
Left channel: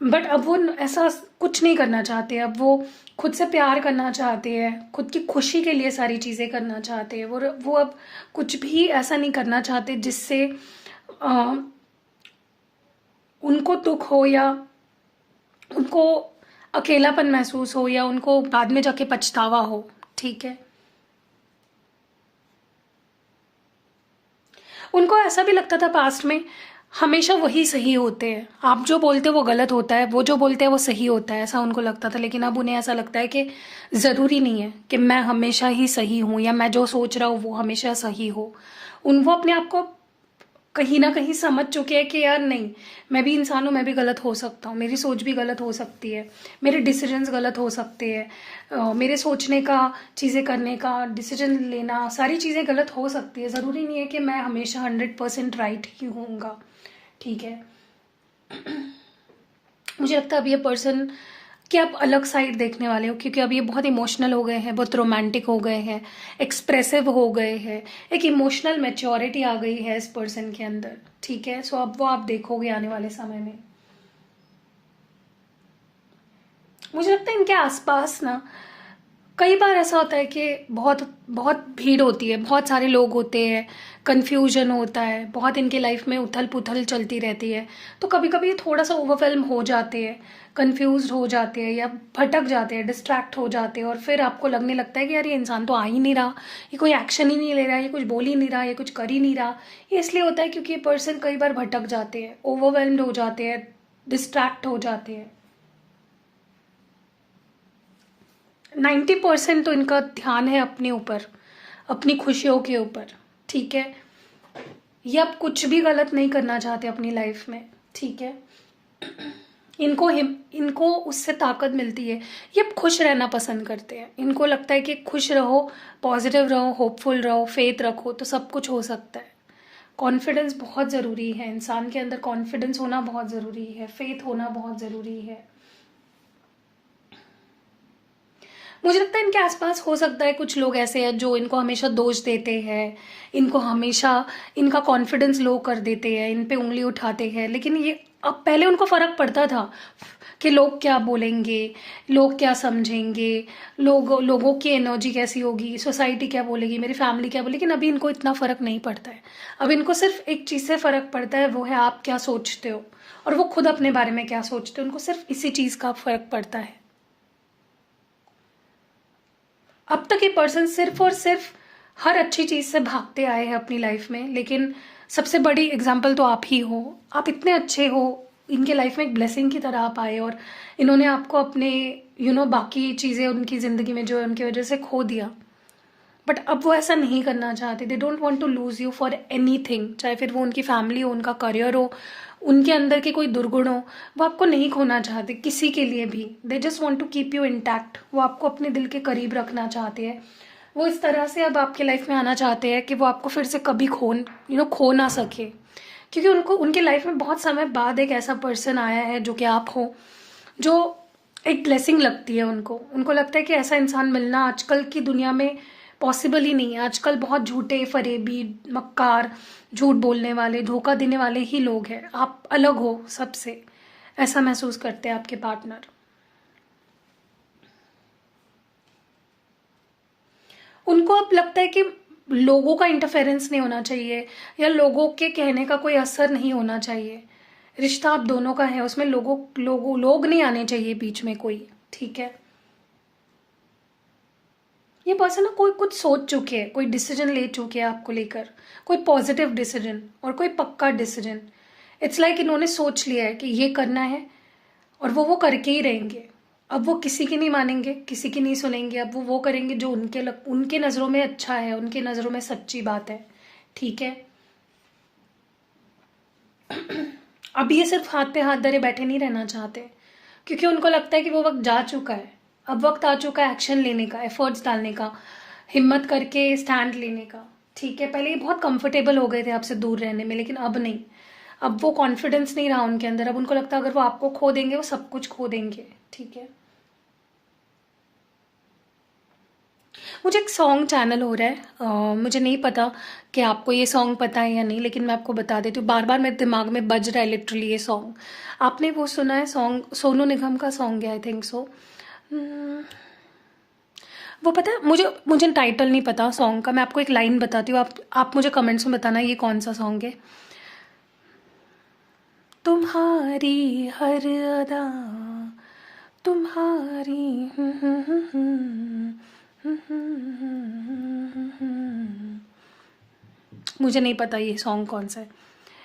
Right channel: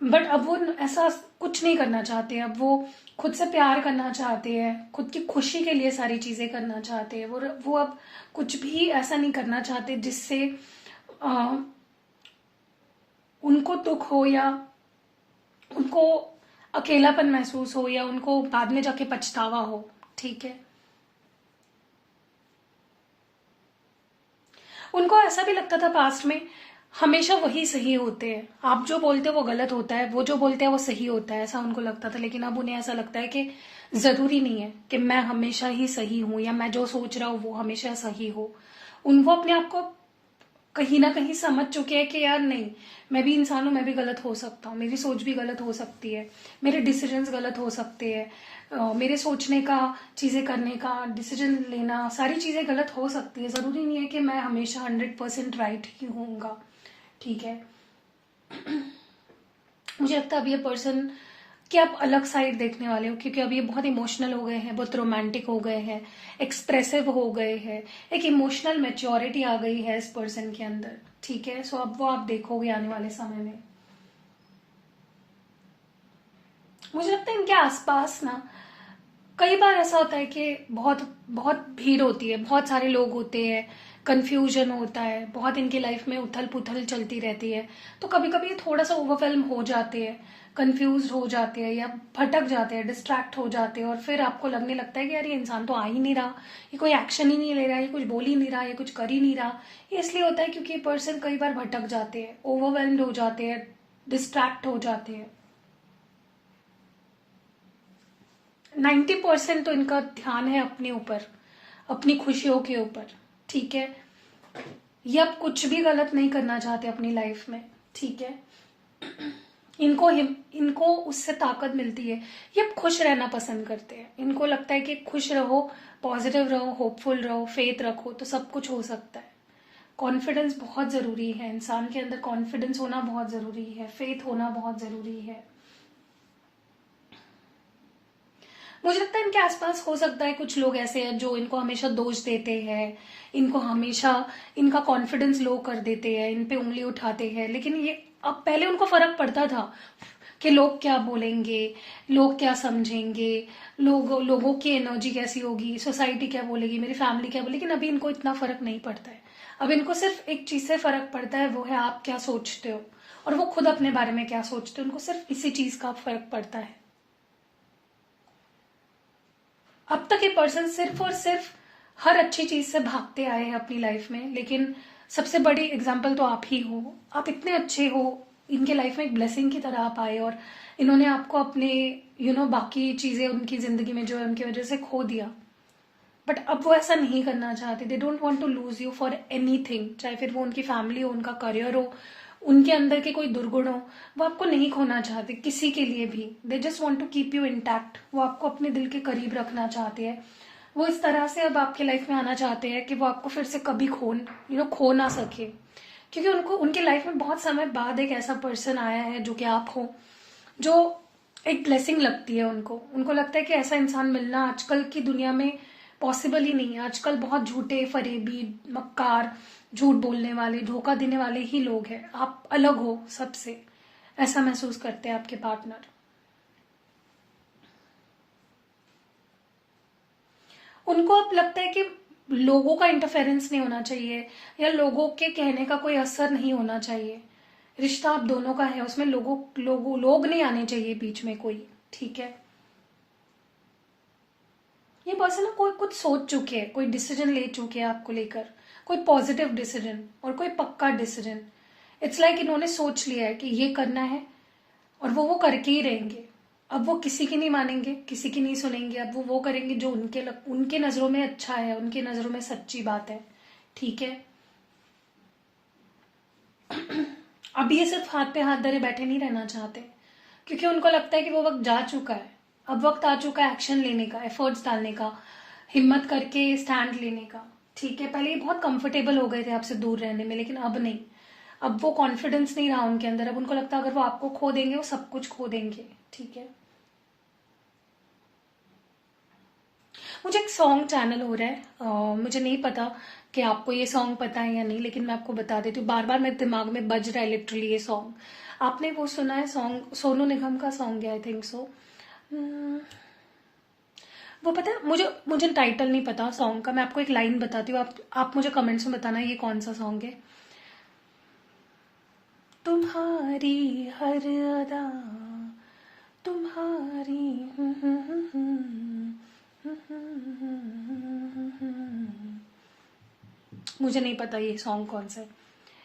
बट अब वो ऐसा कुछ नहीं करना चाहते। अब वो खुद से प्यार करना चाहते हैं, खुद की खुशी के लिए सारी चीजें करना चाहते हैं। वो अब कुछ भी ऐसा नहीं करना चाहते जिससे उनको दुख हो या उनको अकेलापन महसूस हो या उनको बाद में जाके पछतावा हो। ठीक है, उनको ऐसा भी लगता था पास्ट में हमेशा वही सही होते हैं, आप जो बोलते हो वो गलत होता है, वो जो बोलते हैं वो सही होता है, ऐसा उनको लगता था। लेकिन अब उन्हें ऐसा लगता है कि जरूरी नहीं है कि मैं हमेशा ही सही हूं या मैं जो सोच रहा हूं वो हमेशा सही हो। वो अपने आप को कहीं ना कहीं समझ चुके हैं कि यार नहीं, मैं भी इंसान हूं, मैं भी गलत हो सकता हूँ, मेरी सोच भी गलत हो सकती है, मेरे डिसीजंस गलत हो सकते हैं, मेरे सोचने का, चीजें करने का, डिसीजन लेना, सारी चीजें गलत हो सकती है। जरूरी नहीं है कि मैं हमेशा 100% राइट ही होऊंगा। ठीक है, मुझे लगता है अब ये पर्सन कि आप अलग साइड देखने वाले हो, क्योंकि अब ये बहुत इमोशनल हो गए हैं, बहुत रोमांटिक हो गए हैं, एक्सप्रेसिव हो गए हैं, एक इमोशनल मैच्योरिटी आ गई है इस पर्सन के अंदर। ठीक है, सो अब वो आप देखोगे आने वाले समय में। मुझे लगता है इनके आसपास ना कई बार ऐसा होता है कि बहुत बहुत भीड़ होती है, बहुत सारे लोग होते हैं, कंफ्यूजन होता है, बहुत इनके लाइफ में उथल पुथल चलती रहती है, तो कभी कभी ये थोड़ा सा ओवरवेल्म हो जाते हैं, कंफ्यूज हो जाते हैं या भटक जाते हैं, डिस्ट्रैक्ट हो जाते हैं, और फिर आपको लगने लगता है कि यार ये इंसान तो आ ही नहीं रहा, ये कोई एक्शन ही नहीं ले रहा, ये कुछ बोल ही नहीं रहा, ये कुछ कर ही नहीं रहा। ये इसलिए होता है क्योंकि ये पर्सन कई बार भटक जाते हैं, ओवरवेल्म्ड हो जाते हैं, डिस्ट्रैक्ट हो जाते हैं। 90% तो इनका ध्यान है अपने ऊपर, अपनी खुशियों के ऊपर, ठीक है। ये अब कुछ भी गलत नहीं करना चाहते अपनी लाइफ में, ठीक है। इनको उससे ताकत मिलती है, ये अब खुश रहना पसंद करते हैं। इनको लगता है कि खुश रहो, पॉजिटिव रहो, होपफुल रहो, फेथ रखो तो सब कुछ हो सकता है। कॉन्फिडेंस बहुत जरूरी है, इंसान के अंदर कॉन्फिडेंस होना बहुत जरूरी है, फेथ होना बहुत जरूरी है। मुझे लगता है इनके आसपास हो सकता है कुछ लोग ऐसे हैं जो इनको हमेशा दोष देते हैं, इनको हमेशा इनका कॉन्फिडेंस लो कर देते हैं, इन पे उंगली उठाते हैं। लेकिन ये अब पहले उनको फर्क पड़ता था कि लोग क्या बोलेंगे, लोग क्या समझेंगे, लोगों की एनर्जी कैसी होगी, सोसाइटी क्या बोलेगी, मेरी फैमिली क्या बोलेगी। लेकिन अभी इनको इतना फर्क नहीं पड़ता है। अब इनको सिर्फ एक चीज से फर्क पड़ता है, वो है आप क्या सोचते हो और वो खुद अपने बारे में क्या सोचते हो। उनको सिर्फ इसी चीज का फर्क पड़ता है। अब तक ये पर्सन सिर्फ और सिर्फ हर अच्छी चीज से भागते आए हैं अपनी लाइफ में, लेकिन सबसे बड़ी एग्जाम्पल तो आप ही हो। आप इतने अच्छे हो, इनके लाइफ में एक ब्लेसिंग की तरह आप आए और इन्होंने आपको अपने बाकी चीजें उनकी जिंदगी में जो है उनकी वजह से खो दिया। बट अब वो ऐसा नहीं करना चाहते। They don't want to lose you for anything, चाहे फिर वो उनकी फैमिली हो, उनका करियर हो, उनके अंदर के कोई दुर्गुण हो, वो आपको नहीं खोना चाहते किसी के लिए भी। They just want to keep you intact. वो आपको अपने दिल के करीब रखना चाहते हैं। वो इस तरह से अब आपके लाइफ में आना चाहते हैं कि वो आपको फिर से कभी खो ना सके, क्योंकि उनको उनकी लाइफ में बहुत समय बाद एक ऐसा पर्सन आया है जो कि आप हो, जो एक ब्लेसिंग लगती है उनको। उनको लगता है कि ऐसा इंसान मिलना आजकल की दुनिया में पॉसिबल ही नहीं है। आजकल बहुत झूठे, फरेबी, मक्कार, झूठ बोलने वाले, धोखा देने वाले ही लोग हैं। आप अलग हो सबसे, ऐसा महसूस करते हैं आपके पार्टनर। उनको अब लगता है कि लोगों का इंटरफेरेंस नहीं होना चाहिए या लोगों के कहने का कोई असर नहीं होना चाहिए। रिश्ता आप दोनों का है, उसमें लोग नहीं आने चाहिए बीच में कोई, ठीक है। ये पर्सन ना कोई कुछ सोच चुके हैं, कोई डिसीजन ले चुके हैं आपको लेकर, कोई पॉजिटिव डिसीजन और कोई पक्का डिसीजन। इट्स लाइक इन्होंने सोच लिया है कि ये करना है और वो करके ही रहेंगे। अब वो किसी की नहीं मानेंगे, किसी की नहीं सुनेंगे। अब वो करेंगे जो उनके नजरों में अच्छा है, उनके नजरों में सच्ची बात है, ठीक है। अब ये सिर्फ हाथ पे हाथ धरे बैठे नहीं रहना चाहते, क्योंकि उनको लगता है कि वो वक्त जा चुका है। अब वक्त आ चुका है एक्शन लेने का, एफर्ट्स डालने का, हिम्मत करके स्टैंड लेने का, ठीक है। पहले ये बहुत कंफर्टेबल हो गए थे आपसे दूर रहने में, लेकिन अब नहीं। अब वो कॉन्फिडेंस नहीं रहा उनके अंदर। अब उनको लगता है अगर वो आपको खो देंगे वो सब कुछ खो देंगे, ठीक है। मुझे एक सॉन्ग चैनल हो रहा है, मुझे नहीं पता कि आपको ये सॉन्ग पता है या नहीं, लेकिन मैं आपको बता देती हूँ। बार बार मेरे दिमाग में बज रहा है लिटरली ये सॉन्ग। आपने वो सुना है सॉन्ग, सोनू निगम का सॉन्ग है आई थिंक सो। वो पता है, मुझे टाइटल नहीं पता सॉन्ग का। मैं आपको एक लाइन बताती हूँ, आप मुझे कमेंट्स में बताना ये कौन सा सॉन्ग है। तुम्हारी हर अदा, तुम्हारी मुझे नहीं पता ये सॉन्ग कौन सा है।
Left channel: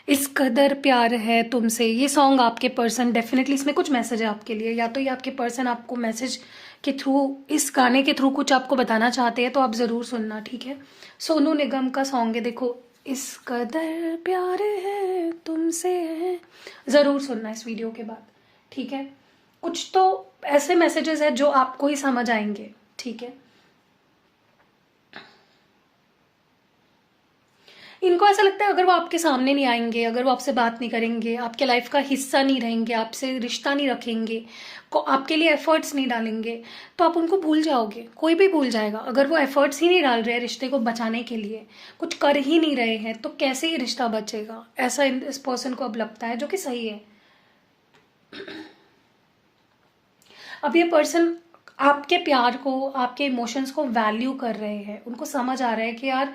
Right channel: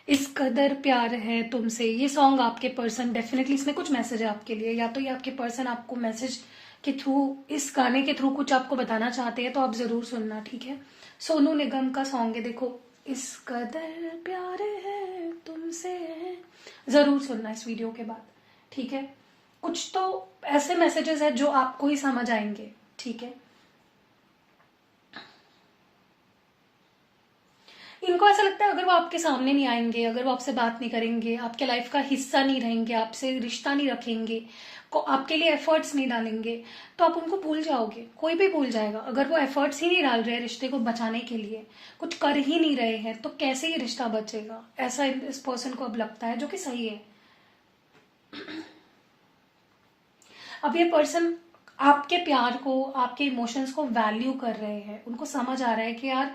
इस कदर प्यार है तुमसे, ये सॉन्ग आपके पर्सन डेफिनेटली, इसमें कुछ मैसेज है आपके लिए। या तो ये आपके पर्सन आपको मैसेज के थ्रू, इस गाने के थ्रू कुछ आपको बताना चाहते हैं, तो आप जरूर सुनना, ठीक है। सोनू निगम का सॉन्ग है, देखो, इस कदर प्यार है तुमसे, जरूर सुनना इस वीडियो के बाद, ठीक है। कुछ तो ऐसे मैसेजेस है जो आपको ही समझ आएंगे, ठीक है। इनको ऐसा लगता है अगर वो आपके सामने नहीं आएंगे, अगर वो आपसे बात नहीं करेंगे, आपके लाइफ का हिस्सा नहीं रहेंगे, आपसे रिश्ता नहीं रखेंगे, को आपके लिए एफर्ट्स नहीं डालेंगे, तो आप उनको भूल जाओगे। कोई भी भूल जाएगा। अगर वो एफर्ट्स ही नहीं डाल रहे हैं रिश्ते को बचाने के लिए, कुछ कर ही नहीं रहे हैं, तो कैसे ये रिश्ता बचेगा। ऐसा इस पर्सन को अब लगता है, जो कि सही है। अब ये पर्सन आपके प्यार को, आपके इमोशंस को वैल्यू कर रहे हैं। उनको समझ आ रहा है कि यार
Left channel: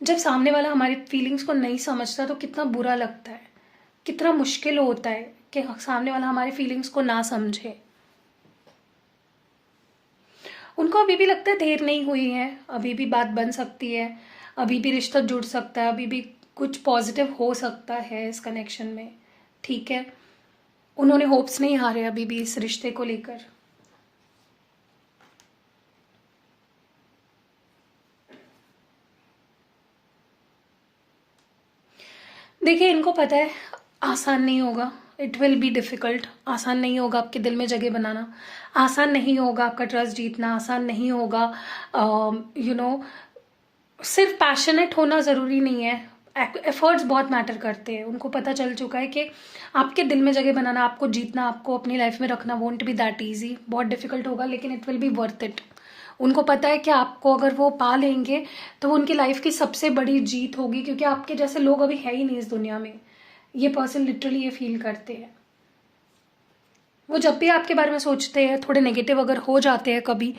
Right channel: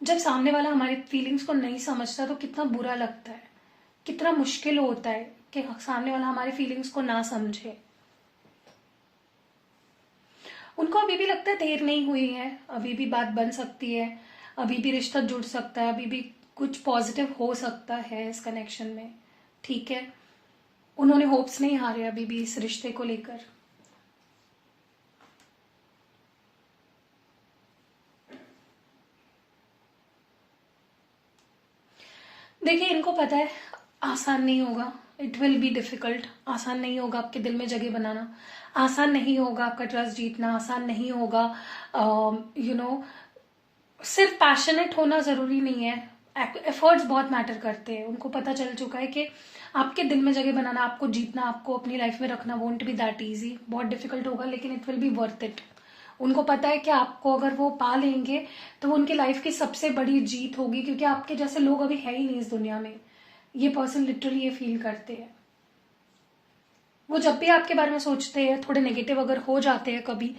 जब सामने वाला हमारी फीलिंग्स को नहीं समझता तो कितना बुरा लगता है, कितना मुश्किल होता है कि सामने वाला हमारी फीलिंग्स को ना समझे। उनको अभी भी लगता है देर नहीं हुई है, अभी भी बात बन सकती है, अभी भी रिश्ता जुड़ सकता है, अभी भी कुछ पॉजिटिव हो सकता है इस कनेक्शन में। ठीक है, उन्होंने होप्स नहीं हारे अभी भी इस रिश्ते को लेकर। देखिए, इनको पता है आसान नहीं होगा, इट विल बी डिफिकल्ट। आसान नहीं होगा आपके दिल में जगह बनाना, आसान नहीं होगा आपका ट्रस्ट जीतना, आसान नहीं होगा। सिर्फ पैशनेट होना जरूरी नहीं है, एफर्ट्स बहुत मैटर करते हैं। उनको पता चल चुका है कि आपके दिल में जगह बनाना, आपको जीतना, आपको अपनी लाइफ में रखना वोंट बी दैट इजी, बहुत डिफिकल्ट होगा, लेकिन it will be worth it. उनको पता है कि आपको अगर वो पा लेंगे तो वो उनकी लाइफ की सबसे बड़ी जीत होगी, क्योंकि आपके जैसे लोग अभी है ही नहीं इस दुनिया में। ये पर्सन लिटरली ये फील करते हैं। वो जब भी आपके बारे में सोचते हैं, थोड़े नेगेटिव अगर हो जाते हैं कभी,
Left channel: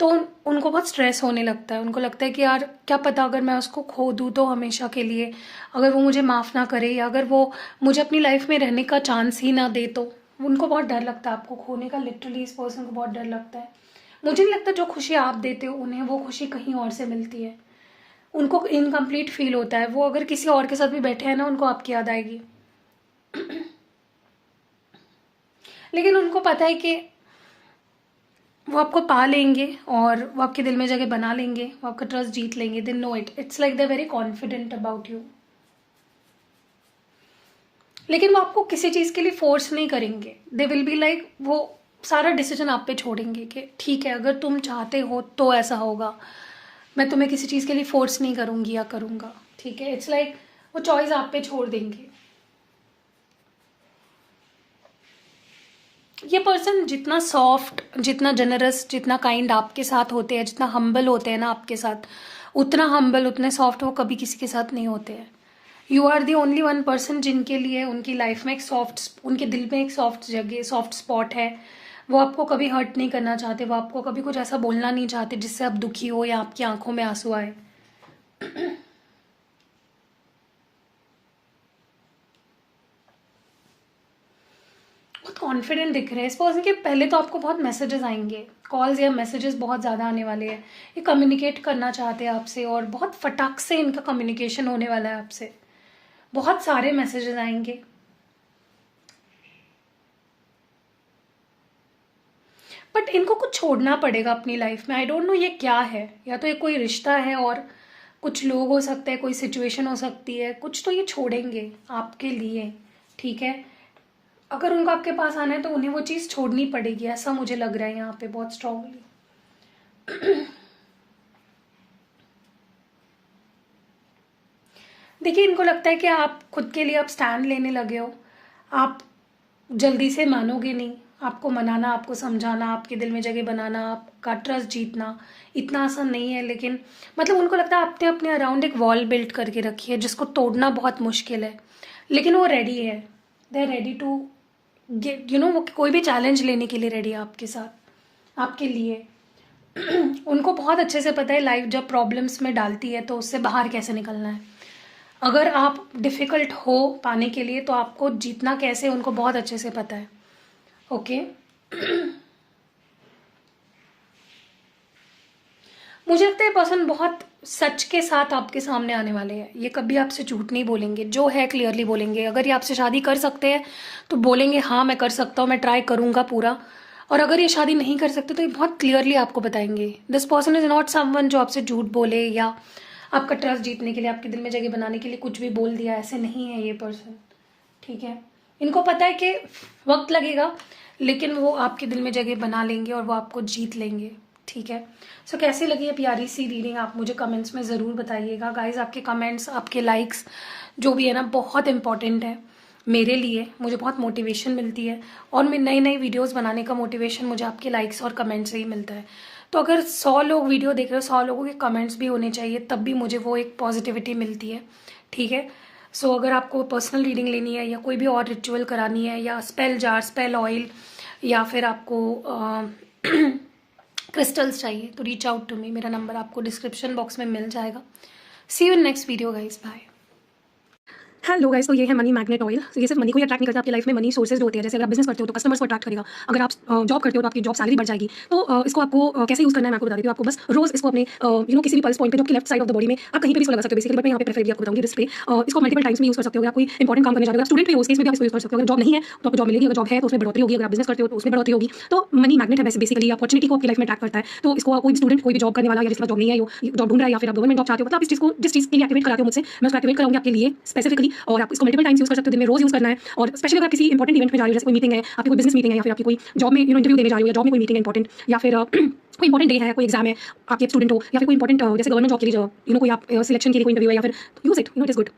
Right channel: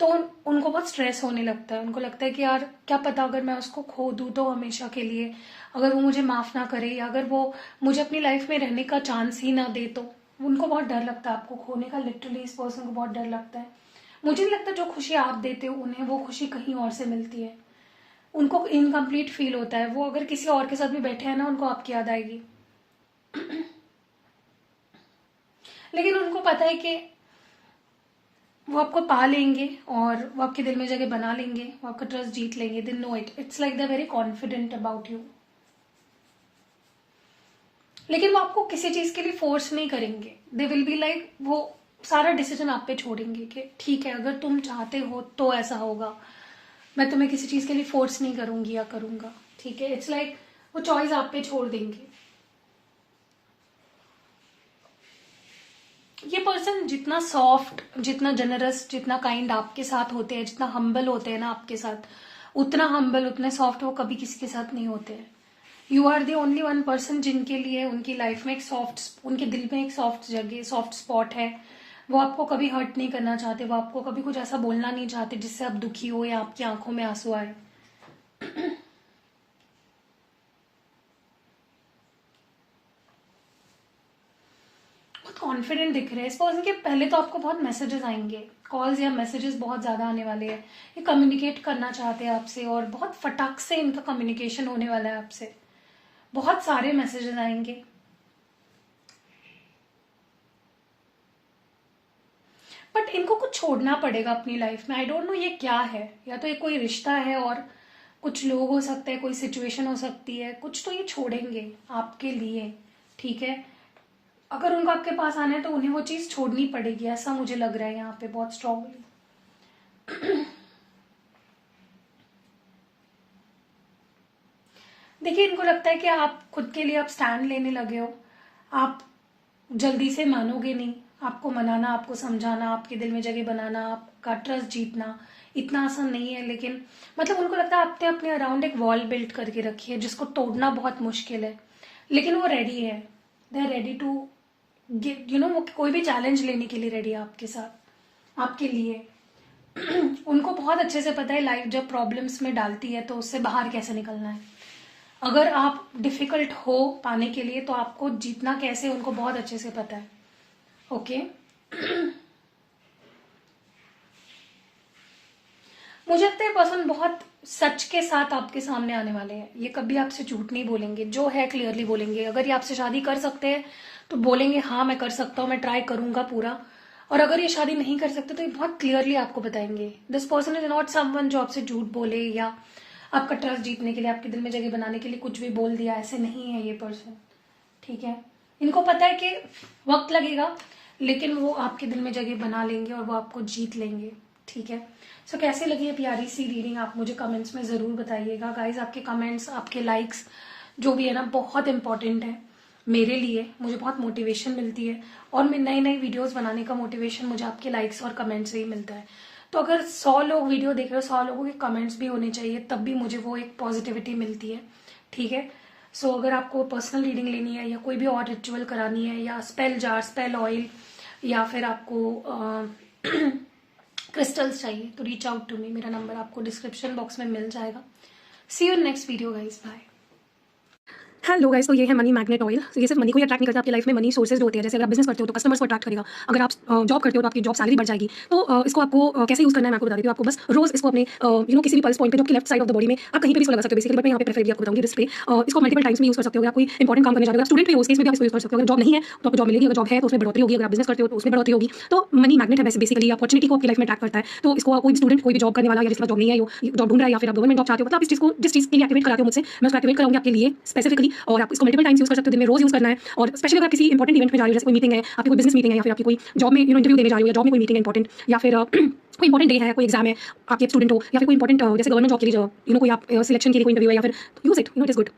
तो उनको बहुत स्ट्रेस होने लगता है। उनको लगता है कि यार क्या पता अगर मैं उसको खो दूं तो हमेशा के लिए, अगर वो मुझे माफ ना करे या अगर वो मुझे अपनी लाइफ में रहने का चांस ही ना दे, तो उनको बहुत डर लगता है आपको खोने का। लिटरली इस पर्सन को बहुत डर लगता है। मुझे नहीं लगता जो खुशी आप देते हो उन्हें वो खुशी कहीं और से मिलती है। उनको इनकम्प्लीट फील होता है। वो अगर किसी और के साथ भी बैठे हैं ना, उनको आपकी याद आएगी। लेकिन उनको पता है कि वो आपको पा लेंगे और वो आपके दिल में जगह बना लेंगे, वो आपका ट्रस्ट जीत लेंगे। They know it, it's like they very confident about you. लेकिन वो आपको किसी चीज के लिए फोर्स नहीं करेंगे। दे विल बी लाइक, वो सारा डिसीजन आप पे छोड़ेंगे कि ठीक है अगर तुम चाहते हो तो ऐसा होगा, मैं तुम्हें किसी चीज के लिए फोर्स नहीं करूंगी या करूंगा। ठीक है, इट्स लाइक वो चॉइस आप पे छोड़ देंगे। ये पर्सन जितना सॉफ्ट, जितना जनरस, जितना काइंड आपके साथ होते हैं, जितना हम्बल होते हैं ना आपके साथ, उतना हम्बल, उतने सॉफ्ट वो कभी किसी के साथ नहीं होते हैं। You are the only one person जिनके लिए उनकी लाइफ में एक सॉफ्ट, उनके दिल में एक सॉफ्ट जगह, सॉफ्ट स्पॉट है। वो आपको कभी हर्ट नहीं करना चाहते, वो आपको कभी कुछ ऐसा बोलना नहीं चाहते जिससे आप दुखी हो या आपकी आंखों में आंसू आए। बहुत कॉन्फिडेंट दिख रहे हैं इस पर्सन के। पहले तो आपको बहुत मैसेजेस आएंगे, कॉल्स या मैसेजेस बहुत ज्यादा आने वाले हैं। ये कम्युनिकेट करना चाहते हैं आपसे और बहुत फटाक से इनका कम्युनिकेशन होने वाला है आपसे। बहुत सारे मैसेजेस आएंगे। बट इनको कुछ छोड़ना पड़ेगा अपनी लाइफ में। आई डोंट नो ये क्या है, या तो ये कोई रिश्ता है और कुछ लोग हो सकते हैं, कोई सिचुएशन हो सकती है, कुछ तो ये छोड़ेंगे आपके लिए। ठीक है, अगर उनको आपके पास आना है तो उन्हें वो चीज छोड़नी पड़ेगी, ऐसा मुझे लग रहा है यहाँ पे बहुत स्ट्रांगली। देखिए, इनको लगता है कि आप खुद के लिए आप स्टैंड लेने लगे हो, आप जल्दी से मानोगे नहीं। आपको मनाना, आपको समझाना, आपके दिल में जगह बनाना, आपका ट्रस्ट जीतना इतना आसान नहीं है। लेकिन मतलब उनको लगता है आपने अपने अराउंड एक वॉल बिल्ड करके रखी है जिसको तोड़ना बहुत मुश्किल है, लेकिन वो रेडी है। दे आर रेडी टू वो कोई भी चैलेंज लेने के लिए रेडी है आपके साथ, आपके लिए। उनको बहुत अच्छे से पता है लाइफ जब प्रॉब्लम्स में डालती है तो उससे बाहर कैसे निकलना है। अगर आप डिफिकल्ट हो पाने के लिए तो आपको जीतना कैसे, उनको बहुत अच्छे से पता है। ओके। मुझे लगता है पर्सन बहुत सच के साथ आपके सामने आने वाले हैं। ये कभी आपसे झूठ नहीं बोलेंगे, जो है क्लियरली बोलेंगे। अगर ये आपसे शादी कर सकते हैं तो बोलेंगे हाँ मैं कर सकता हूँ, मैं ट्राई करूंगा पूरा। और अगर ये शादी नहीं कर सकते तो ये बहुत क्लियरली आपको बताएंगे। This person is not someone जो आपसे झूठ बोले या आपका ट्रस्ट जीतने के लिए, आपके दिल में जगह बनाने के लिए कुछ भी बोल दिया, ऐसे नहीं है ये पर्सन। ठीक है, इनको पता है कि वक्त लगेगा लेकिन वो आपके दिल में जगह बना लेंगे और वो आपको जीत लेंगे। ठीक है, सो कैसी लगी है प्यारी सी रीडिंग, आप मुझे कमेंट्स में जरूर बताइएगा गाइज। आपके कमेंट्स, आपके लाइक्स जो भी है ना, बहुत इंपॉर्टेंट है मेरे लिए। मुझे बहुत मोटिवेशन मिलती है और मैं नई नई वीडियोस बनाने का मोटिवेशन मुझे आपके लाइक्स और कमेंट्स से ही मिलता है। तो अगर 100 लोग वीडियो देख रहे हो, 100 लोगों के कमेंट्स भी होने चाहिए, तब भी मुझे वो एक पॉजिटिविटी मिलती है। ठीक है, सो अगर आपको पर्सनल रीडिंग लेनी है या कोई भी और रिचुअल करानी है या स्पेल जार, स्पेल ऑयल, या फिर आपको क्रिस्टल्स चाहिए तो रीच आउट टू मी, मेरा नंबर आपको डिस्क्रिप्शन बॉक्स में मिल जाएगा। See you in next video guys, bye. Hello guys, तो ये है मनी मैग्नेट ऑयल। तो ये सिर्फ मनी को ही अट्रैक्ट नहीं करता, आपकी लाइफ में मनी सोर्सेज जो होते हैं, जैसे अगर आप बिजनेस करते हो तो कस्टमर्स को अट्रैक्ट करेगा, अगर आप जॉब करते हो तो आपकी जॉब सैलरी बढ़ जाएगी। तो इसको आपको कैसे यूज़ करना है मैं आपको बता देती हूँ। आपको बस रोज इसको अपने किसी भी पल्स पॉइंट पे जो आपकी left side of the body में आप कहीं पे भी इसको लगा सकते हो बेसिकली, बट मैं यहाँ पे प्रेफर आपको बताऊंगी रिस्ट पे। इसको मल्टीपल टाइम्स में यूज़ कर सकते हो। आप कोई इंपॉर्टेंट काम करने जाते हो, स्टूडेंट भी हो, उस केस में भी आप इसको यूज़ कर सकते हो। अगर जॉब नहीं है तो आपको जॉब मिलेगी, अगर जॉब है तो उसमें बढ़ोतरी होगी, अगर आप बिजनेस करते हो तो उसमें बढ़ोतरी होगी। तो मनी मैग्नेट है बेसिकली, अपॉर्चुनिटी को आपकी लाइफ में अट्रैक्ट करता है। तो इसको कोई स्टूडेंट, कोई भी जॉब करने वाला या जिसका जॉब नहीं है, जॉब ढूंढ रहा है या फिर आप गवर्नमेंट जॉब चाहते हो, मतलब आप इस चीज़ को जिस चीज़ के लिए एक्टिवेट कराते हो मुझसे, मैं उसको एक्टिवेट कराऊंगी आपके लिए स्पेसिफिकली। और आप इसको मल्टीपल टाइम्स यूज़ कर सकते हो, दिन में रोज यूज़ करना है। और स्पेशली अगर आप किसी इंपॉर्टेंट इवेंट में जा रहे हो, जैसे कोई मीटिंग है, आपकी कोई बिजनेस मीटिंग है, या फिर आपकी कोई जॉब में इंटरव्यू देने जा रही हो, या जॉब में कोई मीटिंग है इंपॉर्टेंट, या फिर कोई इंपॉर्टेंट डे है, कोई एग्जाम है, आप स्टूडेंट हो, या फिर कोई इंपॉर्टेंट जैसे गवर्नमेंट जॉब के लिए कोई आप सिलेक्शन के लिए कोई इंटरव्यू है, या फिर use it, it is good.